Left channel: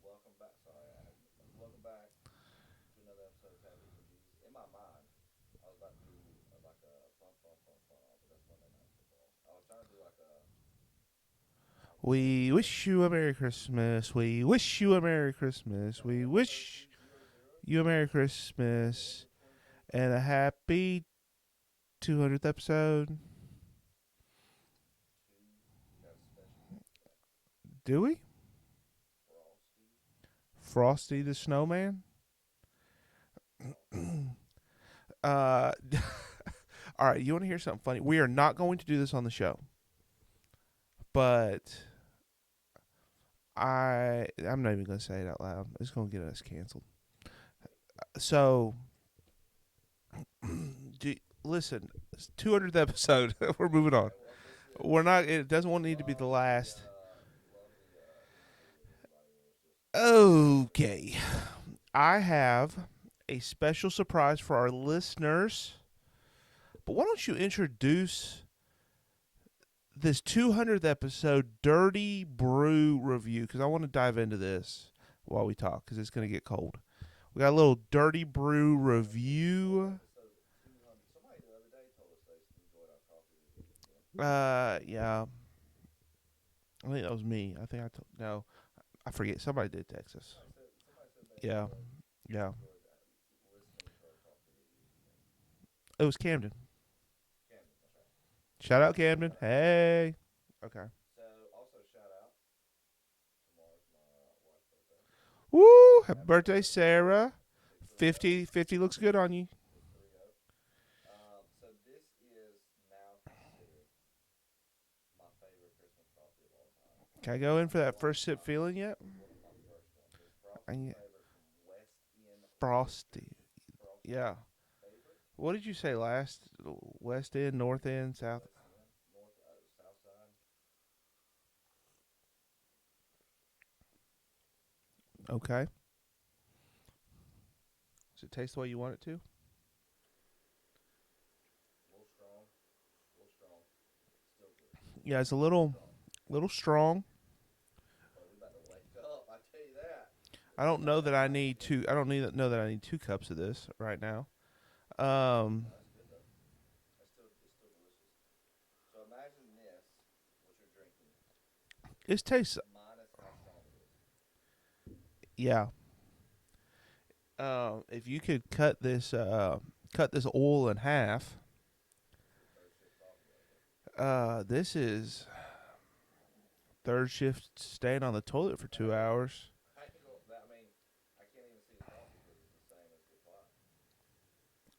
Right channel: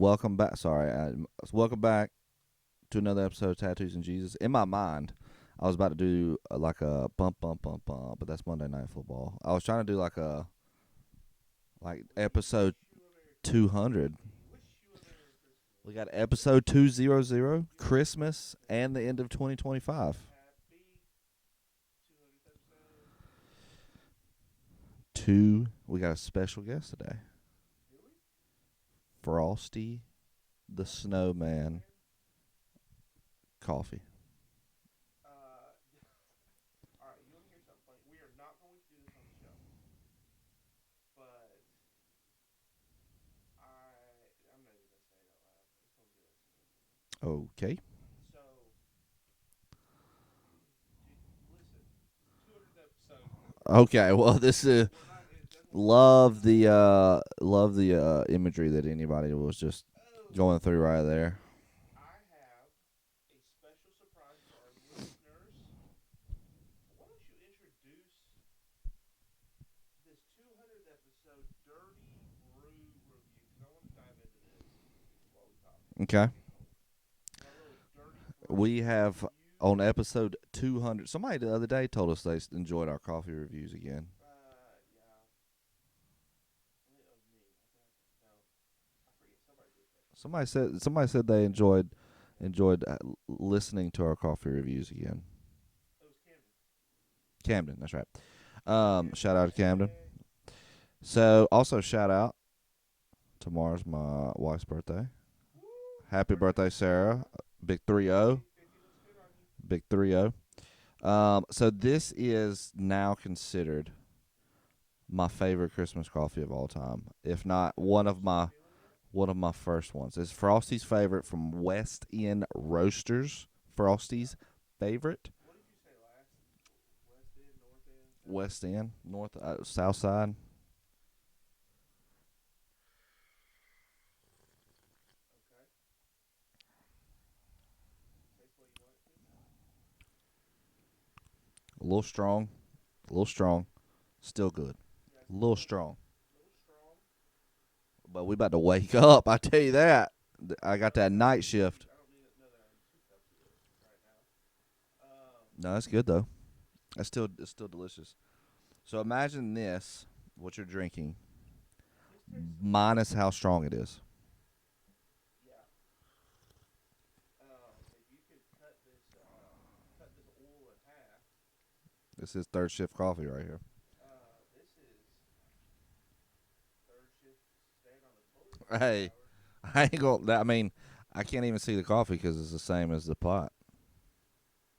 Welcome back. Welcome back to another episode of Tattoos and Jesus. In my mind, I was about to do like a bump, but that's Monday Night Football. I was trying to do like We episode wish you a Merry Christmas. 200. We wish you a Merry Christmas. We got We episode wish 200, you a Merry Christmas, and the Christmas. end of 2025. and a happy 200th episode. We got a special guest today. Do we? Frosty Frosty the Snowman? Coffee. All right, you want to hear something funny? We are not going to do this on the show. But I'm not even going to say it out loud. It's going to get us canceled. Okay. So, listen, it's 200th episode. We're moving on. Okay, well, this is... We're not. It doesn't want to Love be the last. love the imagery that anybody was just going through right there. I have a special surprise for our listeners. But why don't you introduce this 200th episode Dirty Brew review? Because I want to dive into this while we talk, because it's going to get cold. We got a little Dirty Brew review. On episode 200. Somebody the other day told us they enjoyed our coffee reviews again. Yeah. I think that was me. No, I forget. Somebody did text us. Somebody said they enjoyed Yeah. listening to our coffee reviews again. It was Camden. Camden, that's right. Shout out Camden. Shout out hey. Camden. Okay. So also shout out. Tomorrow's my wife's birthday. Woo! Happy birthday, Sarah. Big 3-0. 50 looks good on you. Big 3-0. So this is now considered my favorite Christmas coffee of all time. Can I If go in not for that one first of my sip feeling yet? one of my first ones. It's Frosty's favorite from West End Roasters. Frosty's favorite. What did you say last? West End, North End, South? West End, North, South Side. Okay. Does it taste the way you want it to? A little strong. Still good. Yeah, it's a little strong. But we about to wake up. I tell you that. I got that night shift. I don't know that I need 2 cups of this right now. No, that's good though. It's still delicious. So imagine this, what you're drinking. It tastes minus how strong it is. Yeah. If you could cut this oil in half. This is third shift coffee right here. This is third shift staying on the toilet for 2 hours. I ain't gonna. I mean, I can't even see the coffee because it's the same as the pot.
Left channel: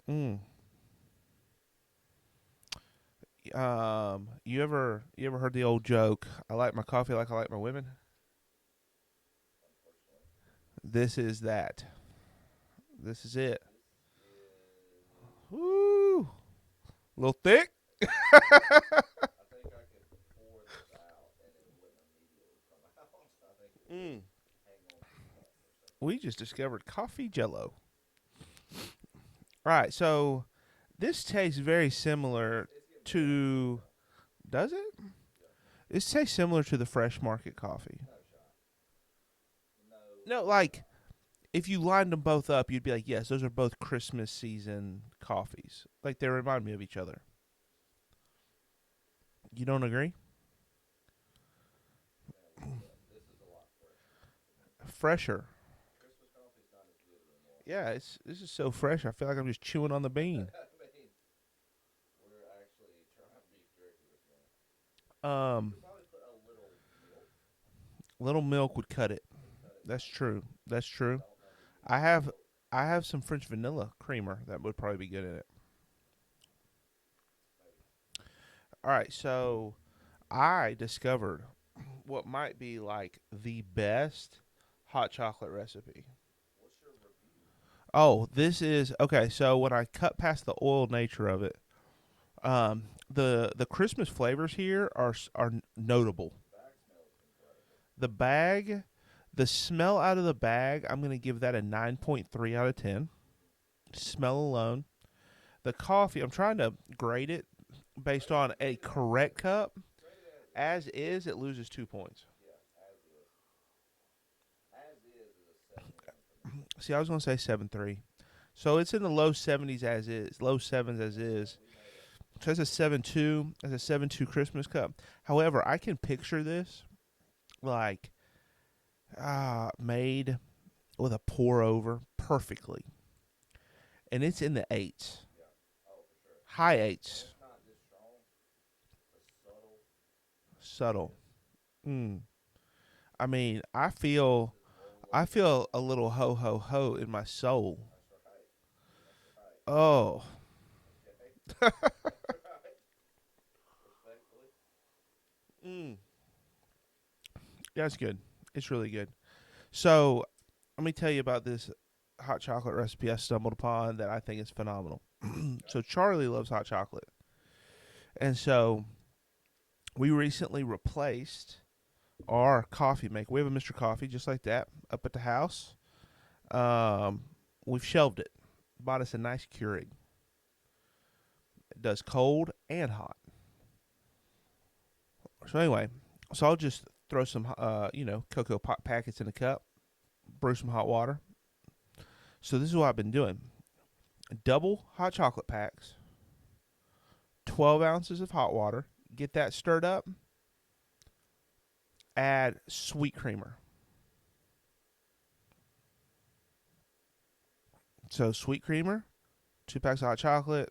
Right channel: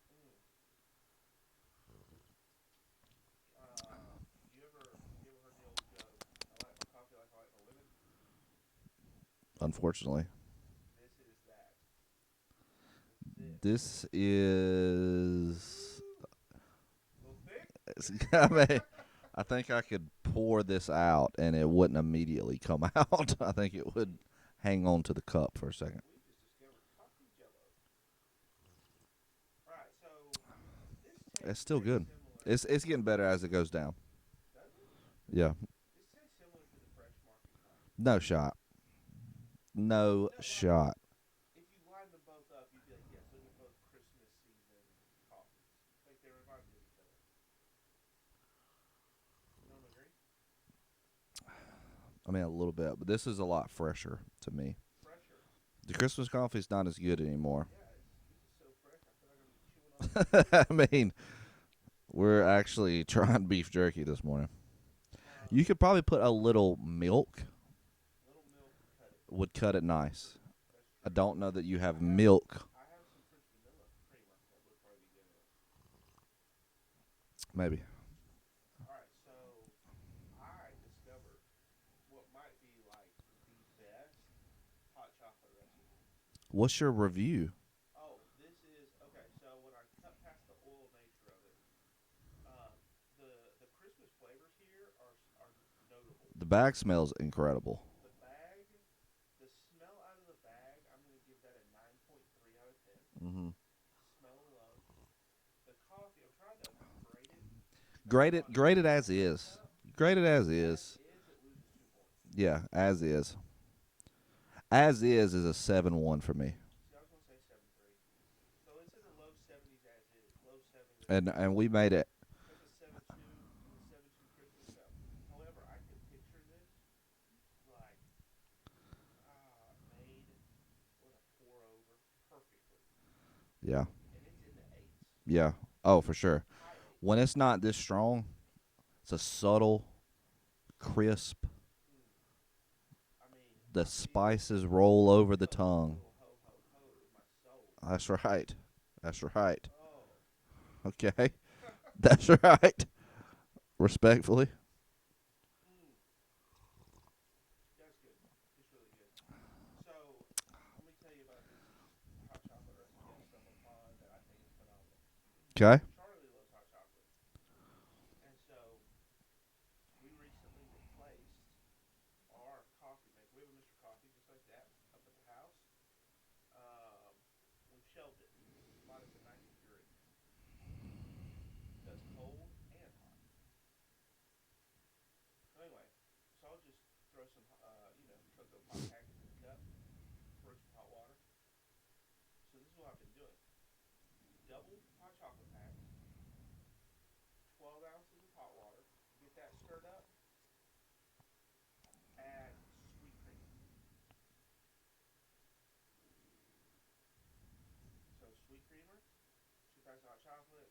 You ever heard the old joke? I like my coffee like I like my women. Unfortunately, this is that. This is it. This is Woo! A little thick. I think I could pour this out and it wouldn't immediately come out. I think it would hang on to the cup for a second. We just discovered coffee jello. All right, so this tastes very similar. It's getting better as it goes down. Does it? Yeah. This tastes similar to the Fresh Market coffee. No shot. No like, shot. If you lined them both up, you'd be like, yes, those are both Christmas season coffees. Like, they remind me of each other. You don't agree? I mean, a little bit, but this is a lot fresher to me. Fresher. The Christmas coffee is not as good anymore. Yeah, this is so fresh. I feel like I'm just chewing on the bean. I mean, we're actually trying beef jerky this morning. You could probably put a little milk. Little milk would cut it. Nice. That's true. I don't know that you have milk. I have some French vanilla creamer that would probably be good in it. Maybe. All right, so I discovered what might be like the best hot chocolate recipe. What's your review? Oh, this is okay. So when I cut past the oil nature of it, the Christmas flavors here are notable. The bag smells incredible. The smell out of the bag, I'm going to give that a 9.3 out of 10. Mm-hmm. Smell alone. The coffee, I'm trying to grade it based on grade a it as correct is. cup. Grade it as is. As is, it loses 2 points. Yeah, as is. As is a 7-1 for me. See, I was gonna say 7.3. So it's in the low 70s as is, low 7s as is. And we made it. So it's a 7.2, as a 7.2 Christmas cup. However, I can picture this like made with a pour over perfectly, Yeah. and it's in the 8s, Yeah. Oh, for sure. high 8s. When it's not this strong, it's a subtle, crisp. I mean, The I feel spices roll over the tongue. a little ho ho ho in my soul. That's right. That's right. Oh, Okay. That's right. Respectfully. yeah, it's good. It's really good. So, let me tell you about this hot chocolate recipe I stumbled upon that I think is phenomenal. Okay. So Charlie loves hot chocolate, and so we recently replaced our coffee maker. We have a Mr. Coffee just like that up at the house. We've shelved it. Bought us a nice Keurig. It does cold and hot. So anyway, I'll just throw some, cocoa pot packets in a cup, brew some hot water. So this is what I've been doing: double hot chocolate packs, 12 ounces of hot water. Get that stirred up. Add sweet creamer. So sweet creamer, 2 packs of hot chocolate,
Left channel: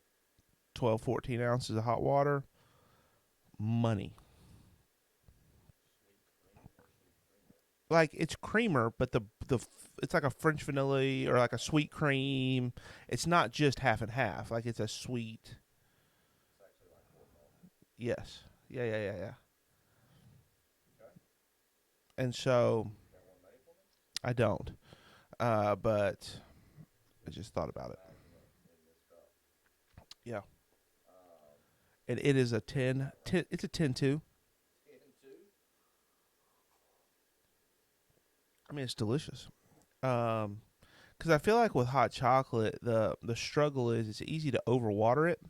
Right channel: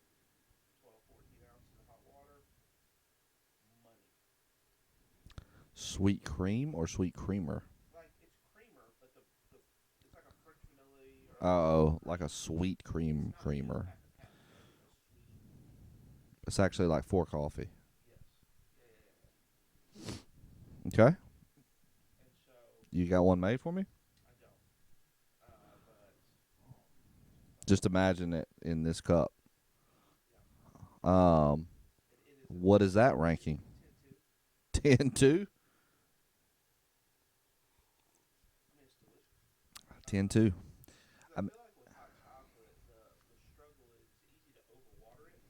12, 14 ounces of hot water. Money. Sweet cream or sweet creamer? Like it's creamer, but it's like a French vanilla or like a sweet cream. Like a sweet cream. It's not creamer. just half and half. Like it's a sweet. It's actually like 4 coffee. Yes. Yeah. Okay. And so You got one made for me? I don't. But I just thought Just about imagine it in this cup. Yeah. Um, And it is a what 10, is that ranking? 10, it's a 10-2. 10-2? I mean, it's delicious. 10-2. Because I feel like with hot chocolate, the struggle is it's easy to overwater it,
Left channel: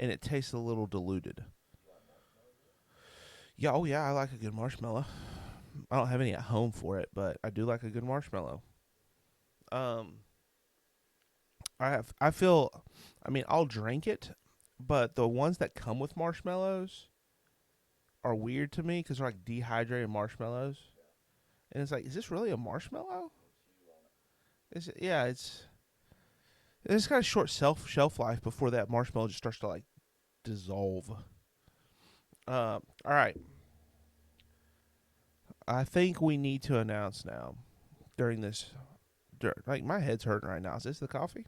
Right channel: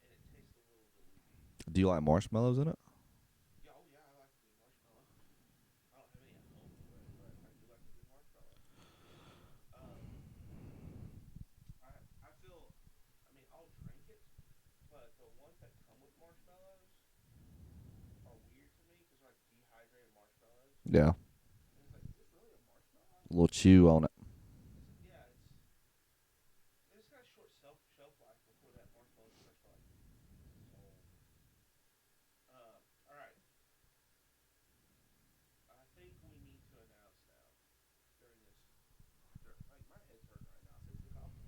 and it tastes a little diluted. Do you like marshmallows in it? Yeah, oh yeah, I like a good marshmallow. I don't have any at home for it, but I do like a good marshmallow. I'll drink it, but the ones that come with marshmallows are weird to me because they're like dehydrated marshmallows. Yeah. And it's like, is this really a marshmallow? A little chew on it. It's got a short shelf life before that marshmallow just starts to like dissolve. All right. I think we need to announce now during this. Like my head's hurting right now. Is this the coffee?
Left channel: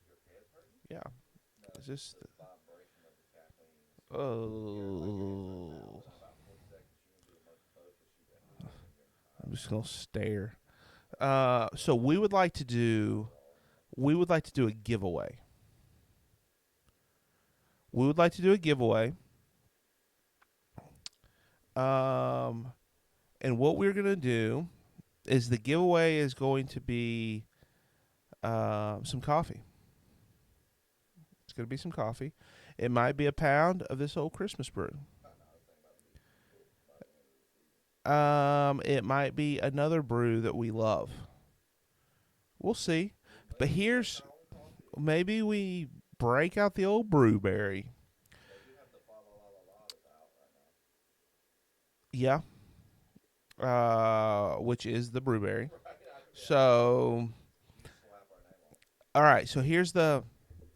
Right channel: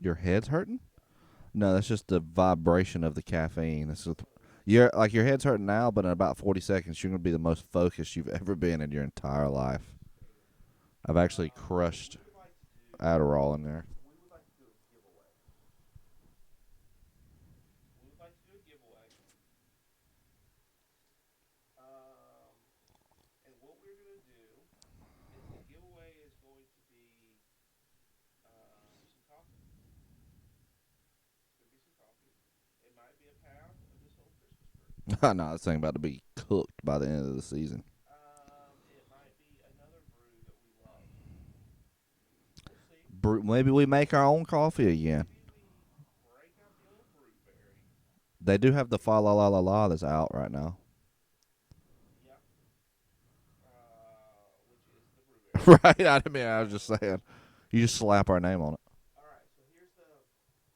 Your head's hurting? Yeah. No, that's just the vibration of the caffeine. Your head's hurting now, but in about 40 seconds, you're going to be the most focused you've ever been in your entire life. So stare. I've actually crushed So we would like to do Adderall in there. We would like to do a giveaway. And what we're going to do is the giveaway is going to be some coffee. It's going to be some coffee. It might be a pound of this old Christmas brew. No, this thing about to be cooked by the end of the season. It might be another brew that we love. We'll see. Maybe we make our own coffee again. Maybe we break out the old brewberry. They do have the Fa La La La La that's out right now. Yeah. Which is the brewberry. Right. I mean, so you just slap our name on it. All right. So here's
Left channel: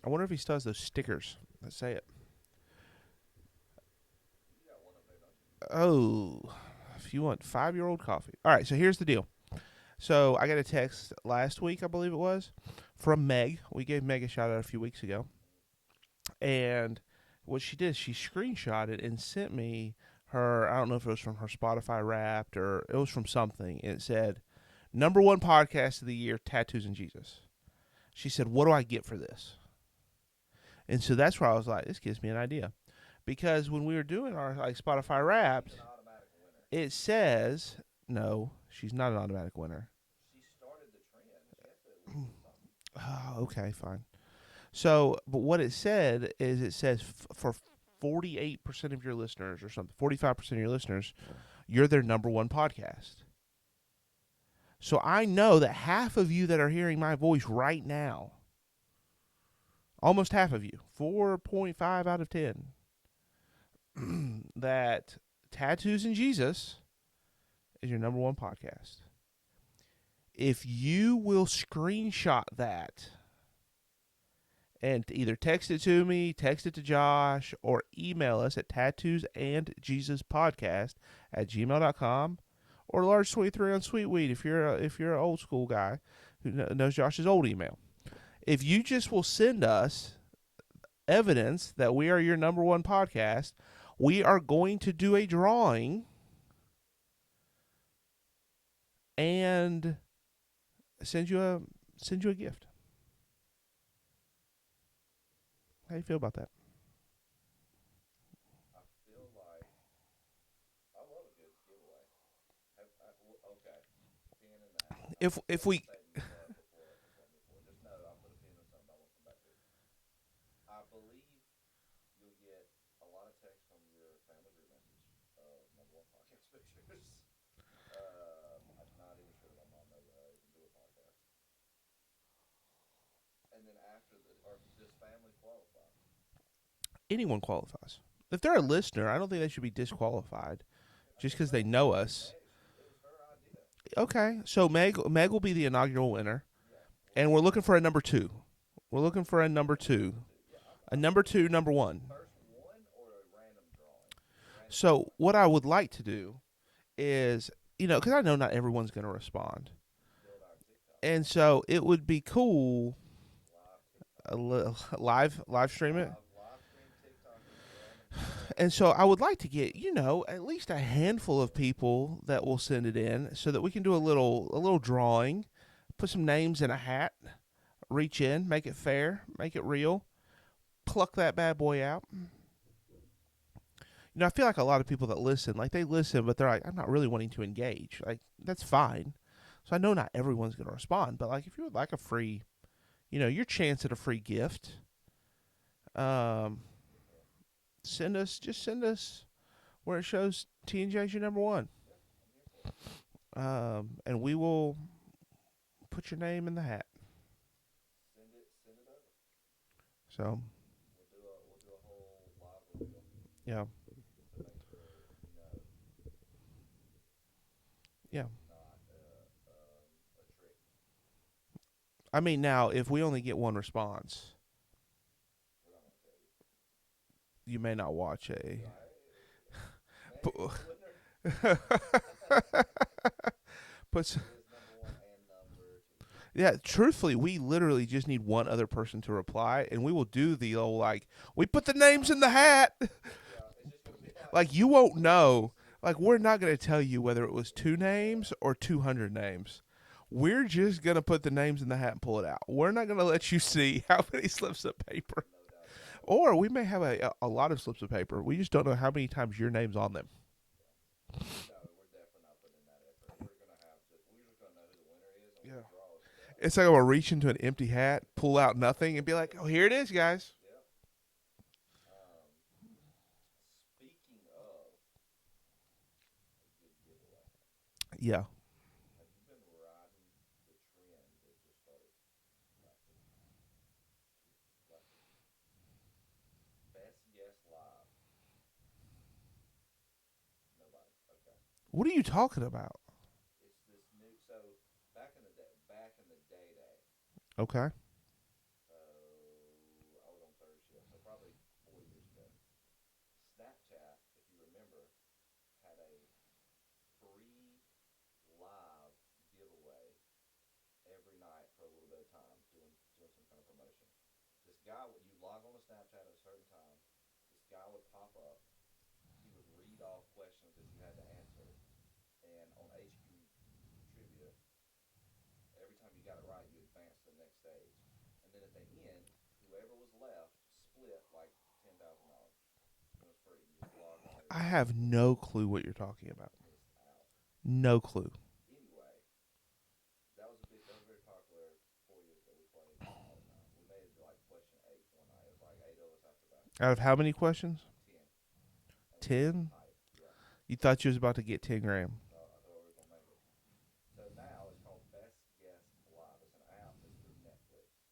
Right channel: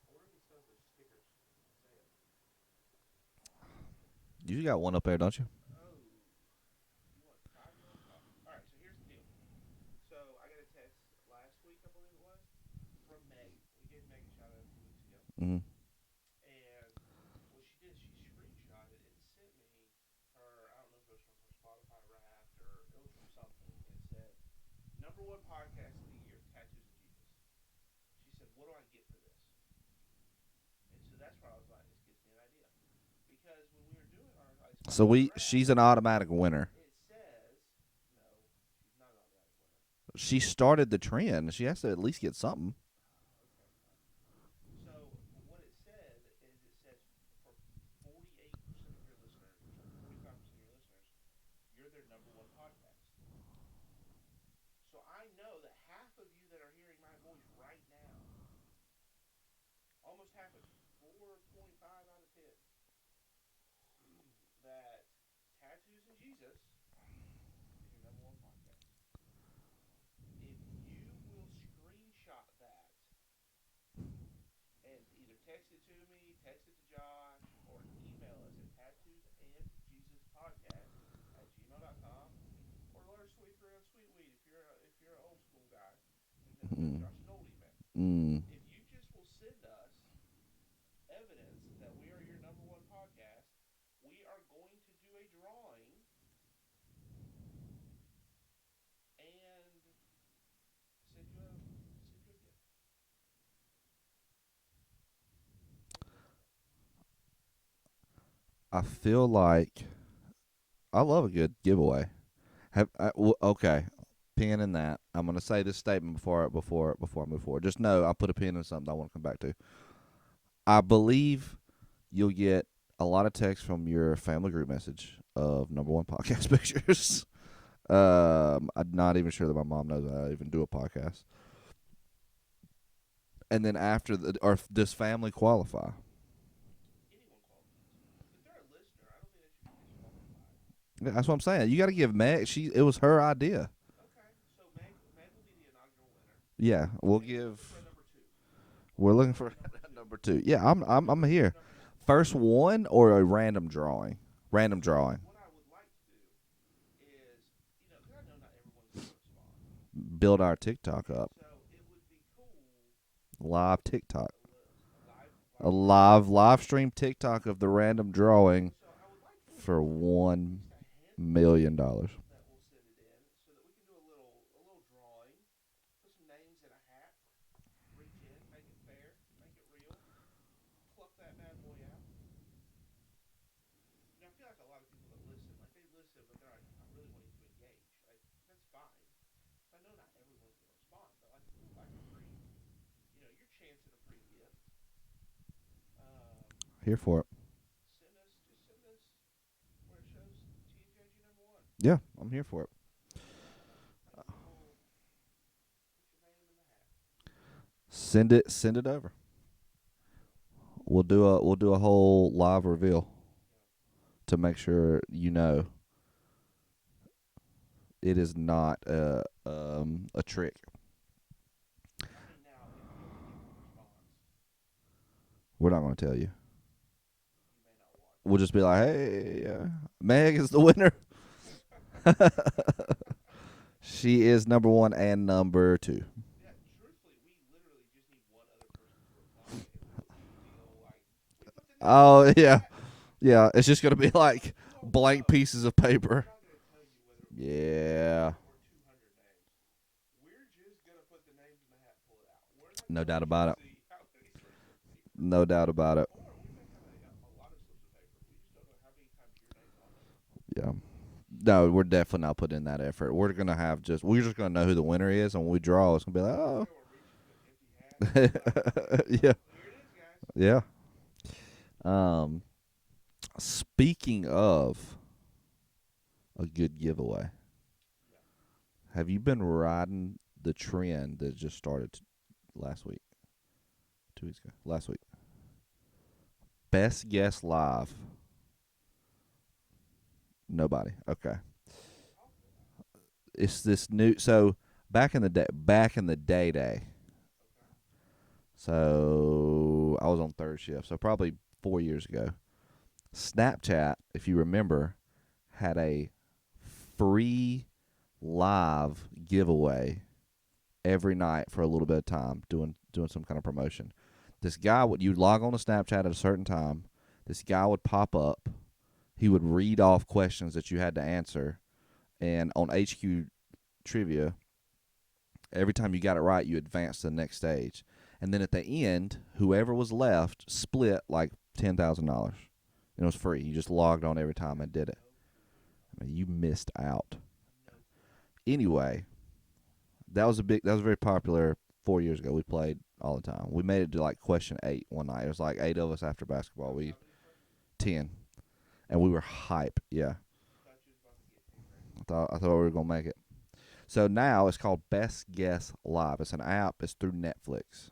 I wonder if he still has those stickers. Let's say it. You got one up there, don't you? Oh, if you want 5-year-old coffee. All right. So here's the deal. So I got a text last week, I believe it was, from Meg. We gave Meg a shout out a few weeks ago. Mm-hmm. And what she did, she screenshotted and sent me her, I don't know if it was from her Spotify Wrapped or it was from something. And it said, #1 podcast of the year, Tattoos and Jesus. She said, what do I get for this? And so that's where I was like, this gives me an idea. Because when we were doing our Spotify Wrapped, she's an automatic winner. It says, no, she's not an automatic winner. She started the trend. She has to at least get something. Oh, okay, fine. So, but what it said is it says for 48% of your listeners or something, 45% of your listeners, you're their #1 podcast. So I know that half of you that are hearing my voice right now, almost half of you, 4.5 out of 10, that Tattoos and Jesus is your number one podcast. If you will screenshot that and either text it to me, text it to Josh, or email us at tattoosandjesuspodcast@gmail.com, or large23 on Sweetweed if you're an old school guy who knows Josh's old email. If you just will send us evidence that we are your number one podcast, we are going to do a drawing and send you a gift. How do you feel about that? I feel like I love a good giveaway. Okay, pin in that. I'm going to say this statement before I move forward. Just know I put a pin in something I want to come back to. I believe you'll get a lot of text from your family group message of number one podcast pictures. I'm not even sure that my mom knows I even do a podcast. And then or does family qualify? Anyone qualifies. If they're a listener, I don't think they should be disqualified. Yeah, that's what I'm saying. You got to give Meg. It was her idea. Okay, so Meg will be the inaugural winner. Yeah, and we're looking for a number 2. We're looking for a number 2. Number 2. Yeah, I'm number 2, here. number 1. First one or a random drawing? Drawing. So what I would like to do is, because I know not everyone's going to respond. Build our TikTok and up. So it would be cool. Live TikTok. Live stream. Live stream TikTok of the random drawing. And so I would like to get, at least a handful of people that will send it in so that we can do a little drawing, put some names in a hat, reach in, make it fair, make it real, pluck that bad boy out. I feel like a lot of people that listen, they listen, but they're like, I'm not really wanting to engage. That's fine. So I know not everyone's going to respond, but if you would like a free, your chance at a free gift. Here for it. Send us where it shows TNJ's your number one. Yeah, I'm here for it. And we will put your name in the hat. Send it over. So we'll do a whole live reveal. Yeah. To make sure it is not a trick. I mean, now if we only get one response, we're not going to tell you. You may not watch. We'll just be like, hey, Meg is the winner. She is number 1 and number 2. Yeah, truthfully, we literally just need one other person to reply, and we will do the old we put the names in the hat. Yeah, it's just gonna be you won't blank know. pieces of paper. We're not gonna tell you whether it was 2 names or 200 names. We're just gonna put the names in the hat and pull it out. We're not gonna let you see how many slips of paper. No doubt about it. Or we may have a lot of slips of paper. We just don't know how many times your name's on them. Yeah. No, we're definitely not putting in that effort. We're just gonna know who the winner is, and when we draw, it's gonna be like, oh. It's like I'm gonna reach into an empty hat, pull out nothing, and be like, oh, here it is, guys. Yeah. Speaking of a good giveaway. Yeah. Have you been riding the trend that just started last week? 2 weeks ago. Last week. Best guess live. Nobody. Okay. What are you talking about? It's this new. So back in the day. Okay. So I was on third shift. So probably 4 years ago. Snapchat, if you remember, had a free live giveaway every night for a little bit of time, doing some kind of promotion. This guy you'd log on to Snapchat at a certain time. This guy would pop up. He would read off questions that you had to answer, and on HQ Trivia, every time you got it right, you advanced to the next stage. And then at the end, whoever was left split $10,000. It was free. You just logged on every time. I have and did no clue what you're talking about. You missed out. No clue. Anyway, that was very popular 4 years ago. We played all the time. We made it to question 8 one night. It was 8 of us after basketball. Out of how many questions? 10. And 10? We were hype. Yeah. You thought you was about to get 10 grand. I thought we were gonna make it. So now it's called Best Guess Live. It's an app. It's through Netflix.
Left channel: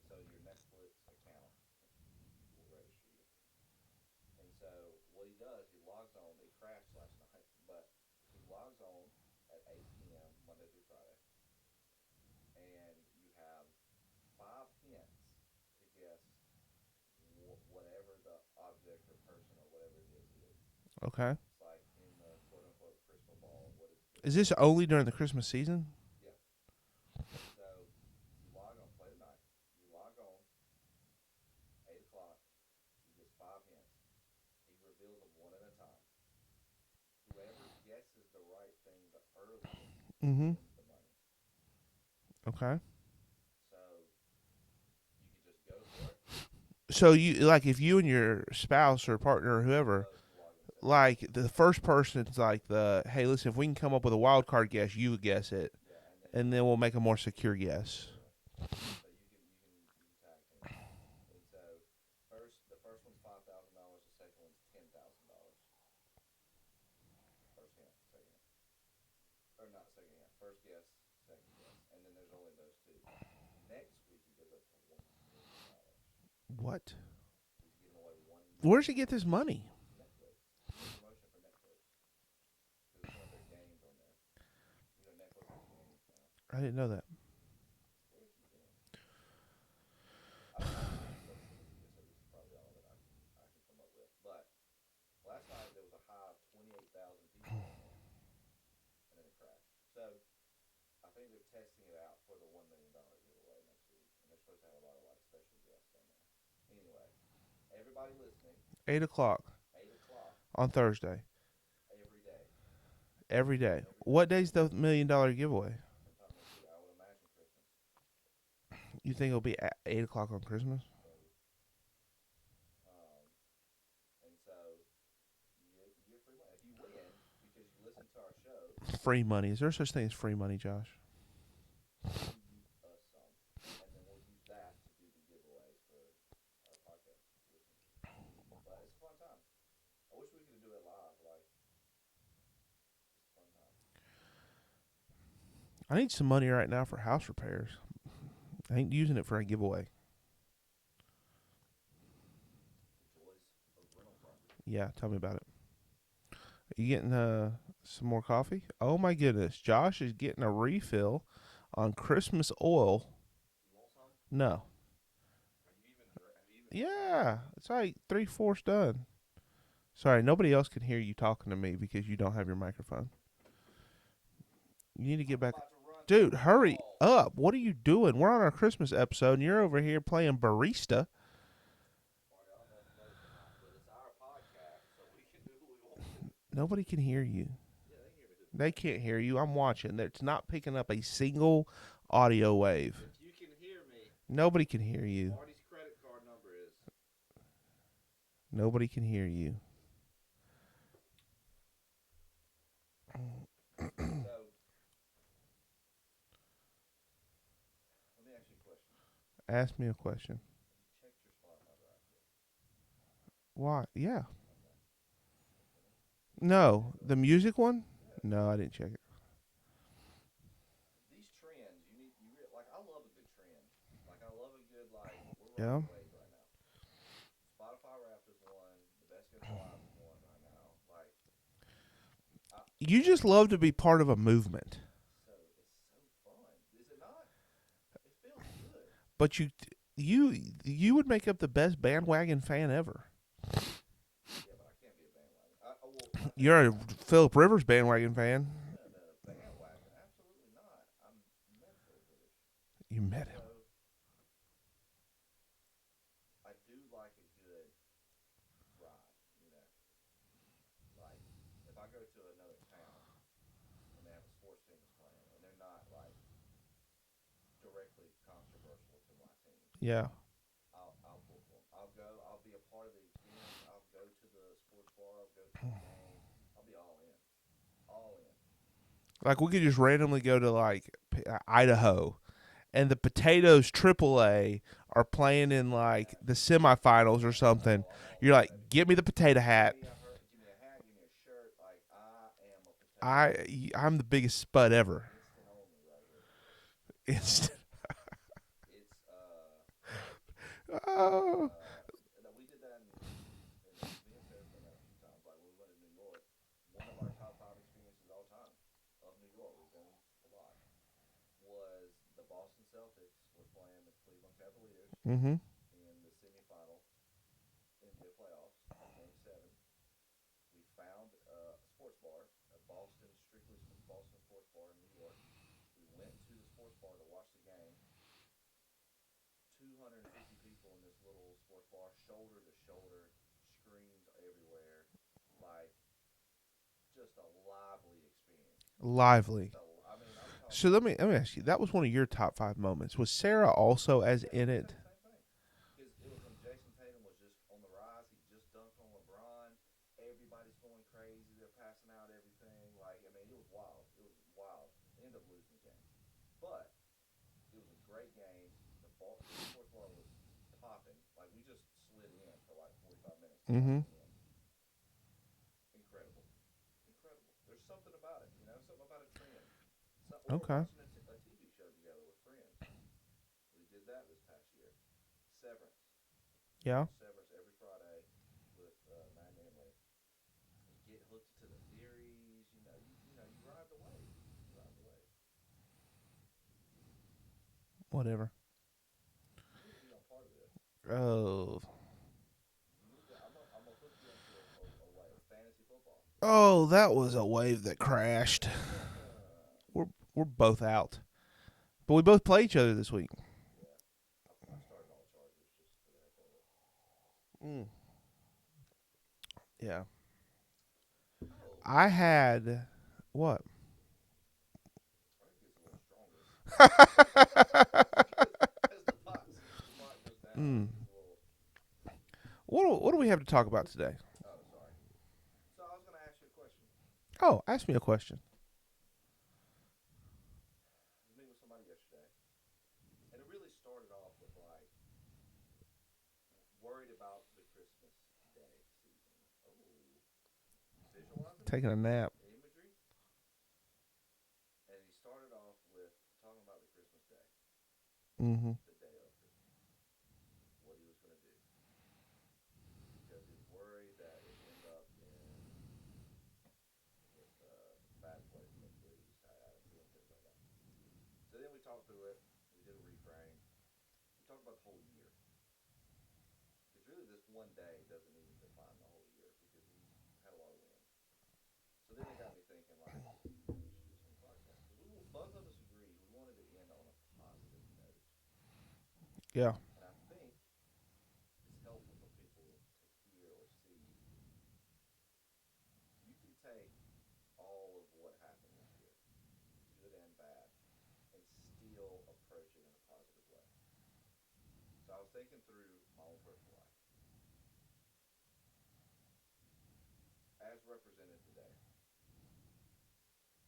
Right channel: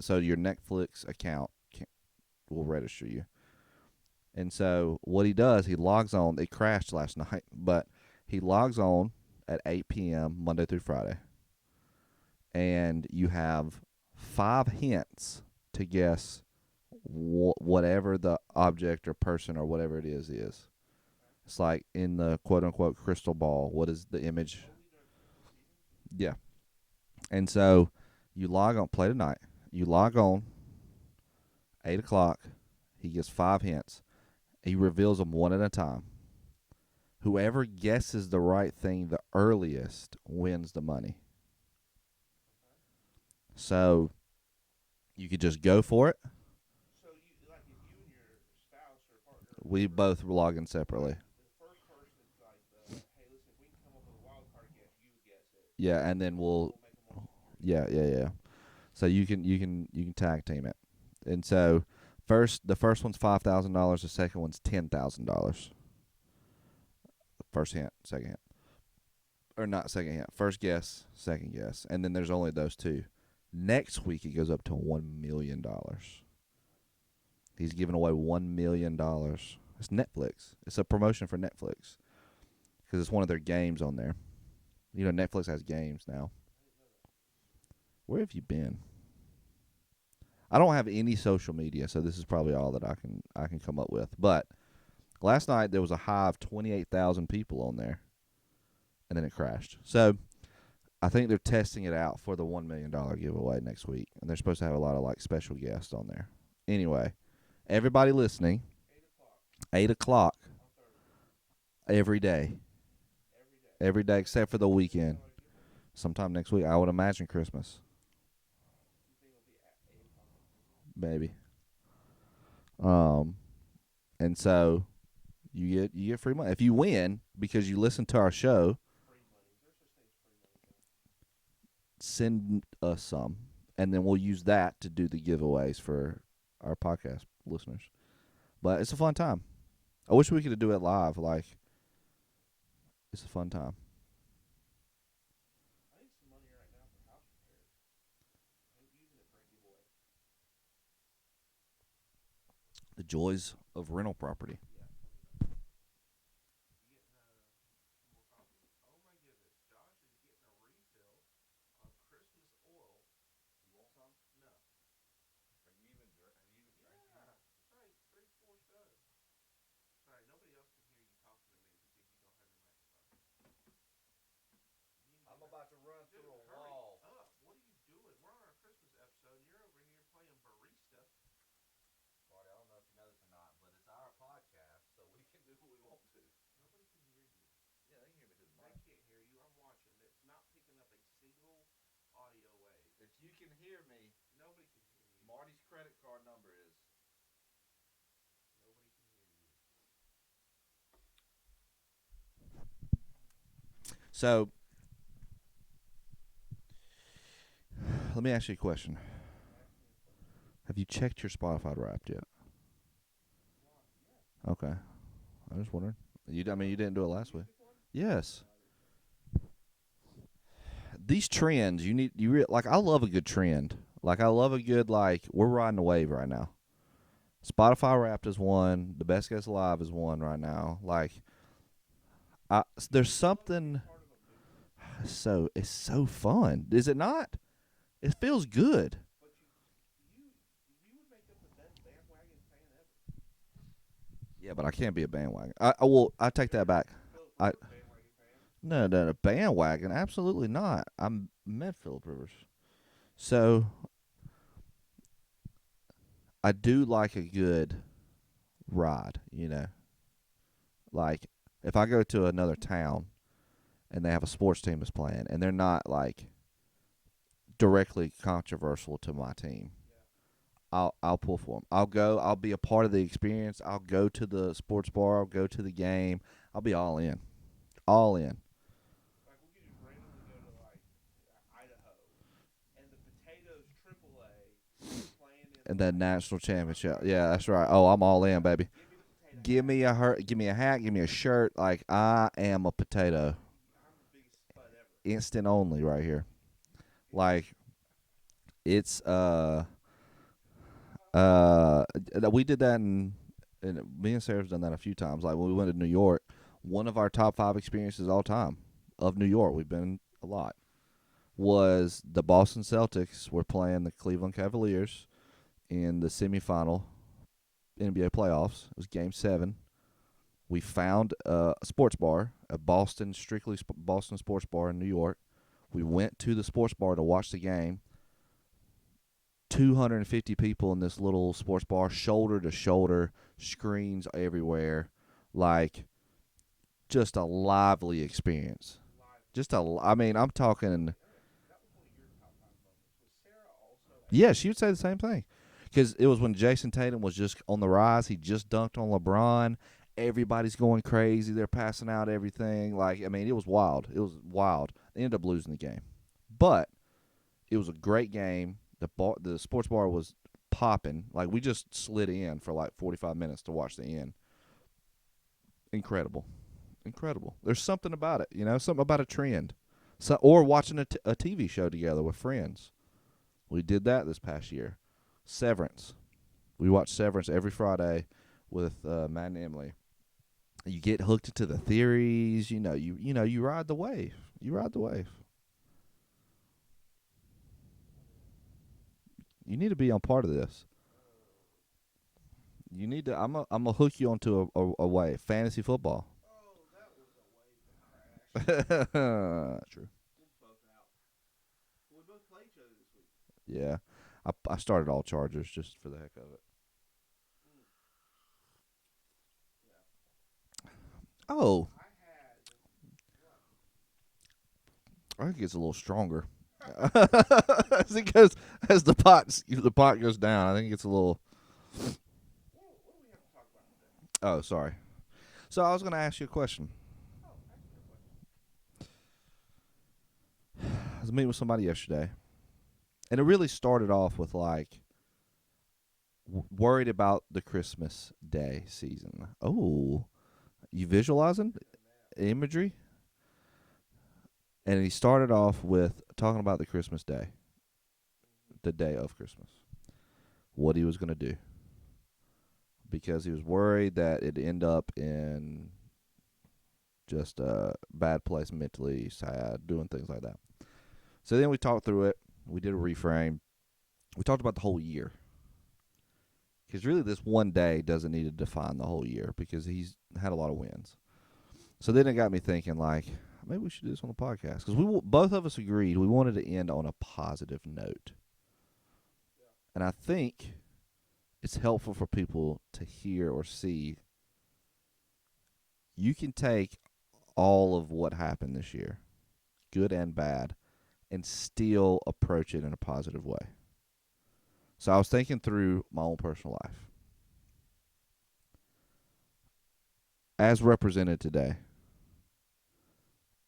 So your Netflix account will register you. And so what he does, he logs on. It crashed last night, but he logs on at 8 p.m. Monday through Friday. And you have 5 hints to guess whatever the object or person or whatever it is. Okay. It's like in the quote-unquote crystal ball. What is the image? Is this only during the Christmas season? Yeah. And so you log on, play tonight. You log on, 8 o'clock. He gives 5 hints. He reveals them one at a time. Whoever guesses the right thing the earliest wins the money. Okay. So you could just go for it. So you like if you and your spouse or partner or whoever We both log in separately. like the first person's like hey, listen, if we can come up with a wild card guess, you guess it. Yeah, and then we'll make a more secure guess. Yeah. So you can tag team it. And so the first one's $5,000, the second one's $10,000. First hint, second hint. Or not second hint. First guess, second guess. And then there's only those two. Next week it goes up to $1 million. What? He's giving away $1 million. Where does he get this money? It's Netflix. It's a promotion for Netflix. Because it's one of their games on there. You know, Netflix has games now. I didn't know that. Where have you been? I don't have any social media, so this is probably all that I can come up with. But last night there was a high of 28,000 people on there, and then it crashed. So I think they're testing it out for the $1 million giveaway next week, and they're supposed to have a lot of like special guests on there. Anyway, everybody listening, 8 o'clock 8 o'clock on Thursday. every day. Every day. Every day what except for day's the $1 weekend. million giveaway? Sometime next week. I would imagine Christmas. You think it'll be at 8 o'clock on Christmas? Maybe. And so you get free money if you win because you listen to our show. Free money. Is there such thing as free money, Josh? Send us some, and then we'll use that to do the giveaways for our podcast listeners. But it's a fun time. I wish we could do it live. Like, it's a fun time. I need some money right now for house repairs. I ain't using it for a giveaway. The joys of rental property. Yeah, tell me about it. Are you getting some more coffee? Oh, my goodness. Josh is getting a refill on Christmas oil. No. Yeah, it's like 3/4 done. Sorry, nobody else can hear you talking to me because you don't have your microphone. You need to get back. Dude, hurry up. What are you doing? We're on our Christmas episode, and you're over here playing barista. Nobody can hear you. They can't hear you. I'm watching. It's not picking up a single audio wave. You can hear me. Nobody can hear you. Marty's credit card number is. Nobody can hear you. So, let me ask you a question. Ask me a question. Have you checked your Spotify Wrapped yet? Why? Yeah. Okay. I was wondering. You didn't do it the last music one? week? Yes. No, I didn't check it. These trends, like, I love a good trend. Like, I love a good, like, we're riding a wave right now. Spotify Wrapped is one. The Best Guess Live is one right now. Like, you just love to be part of a movement. So it's so fun, is it not? It feels good. But you would make up the best bandwagon fan ever. Yeah, but I can't be a bandwagon. I take You're that back. Philip Rivers bandwagon fan. No, bandwagon. Absolutely not. I met Philip Rivers. You met him. So I do like a good ride, you know. Like, if I go to another town and they have a sports team that's playing and they're not, like, directly controversial to my team, Yeah. I'll pull for them. I'll be a part of the experience. I'll go to the sports bar. I'll go to the game. I'll be all in. All in. Like, we could just randomly go to, like, Idaho, and the Potatoes AAA are playing in And like the national championship. semifinals Yeah, or that's something. right. Oh, I'm all You're in, like, baby. give me the potato hat. Give me a hat, give me a shirt. Like, I am a potato. I'm the biggest spud ever. Instant only right here. Like, it's we did that and me and Sarah's done that a few times. Like when we went to New York, one of our top 5 experiences all time of New York, we've been a lot, was the Boston Celtics were playing the Cleveland Cavaliers in the semifinal NBA playoffs. It was Game 7. We found a sports bar, a Boston sports bar in New York. We went to the sports bar to watch the game. 250 people in this little sports bar, shoulder to shoulder, screens everywhere, like just a lively experience. Lively. I mean, I'm talking. So let me ask you. That was one of your top 5 moments. Was Sarah also? Yeah, she would say the same thing. Because it was when Jason Tatum was just on the rise. He just dunked on LeBron. Everybody's going crazy. They're passing out everything. Like, I mean, it was wild. It was wild. They ended up losing the game, but it was a great game. The sports bar was popping. Like, we just slid in for like 45 minutes to watch the end. Incredible. There's something about it, something about a trend. Or watching a TV show together with friends. We did that this past year. Severance. We watch Severance every Friday with Matt and Emily. You get hooked into the theories. You ride the wave. Whatever. You need to be on part of this. Oh. You need to. I'm gonna hook you onto a wave. Fantasy football. Oh, that was a wave that crashed. We're both out, but we both play each other this week. Yeah, I started all Chargers just for the heck of it. Yeah. Oh, I had what? I think it's a little stronger. Because as the pot goes down, I think it's a little. What do we have to talk about today? Oh, sorry. So I was going to ask you a question. Oh, ask me a question. I was meeting with somebody yesterday, and it really started off with like worried about the Christmas Day season. Oh, you visualizing? Taking a nap. Imagery. And he started off with talking about the Christmas Day, the day of Christmas, what he was going to do. Because he was worried that it'd end up in just a bad place mentally, sad, doing things like that. So then we talked through it. We did a reframe. We talked about the whole year. Because really this one day doesn't need to define the whole year because he's had a lot of wins. So then it got me thinking, like, maybe we should do this on the podcast. Because both of us agreed we wanted to end on a positive note. Yeah. And I think it's helpful for people to hear or see. You can take all of what happened this year, good and bad, and still approach it in a positive way. So I was thinking through my own personal life. As represented today,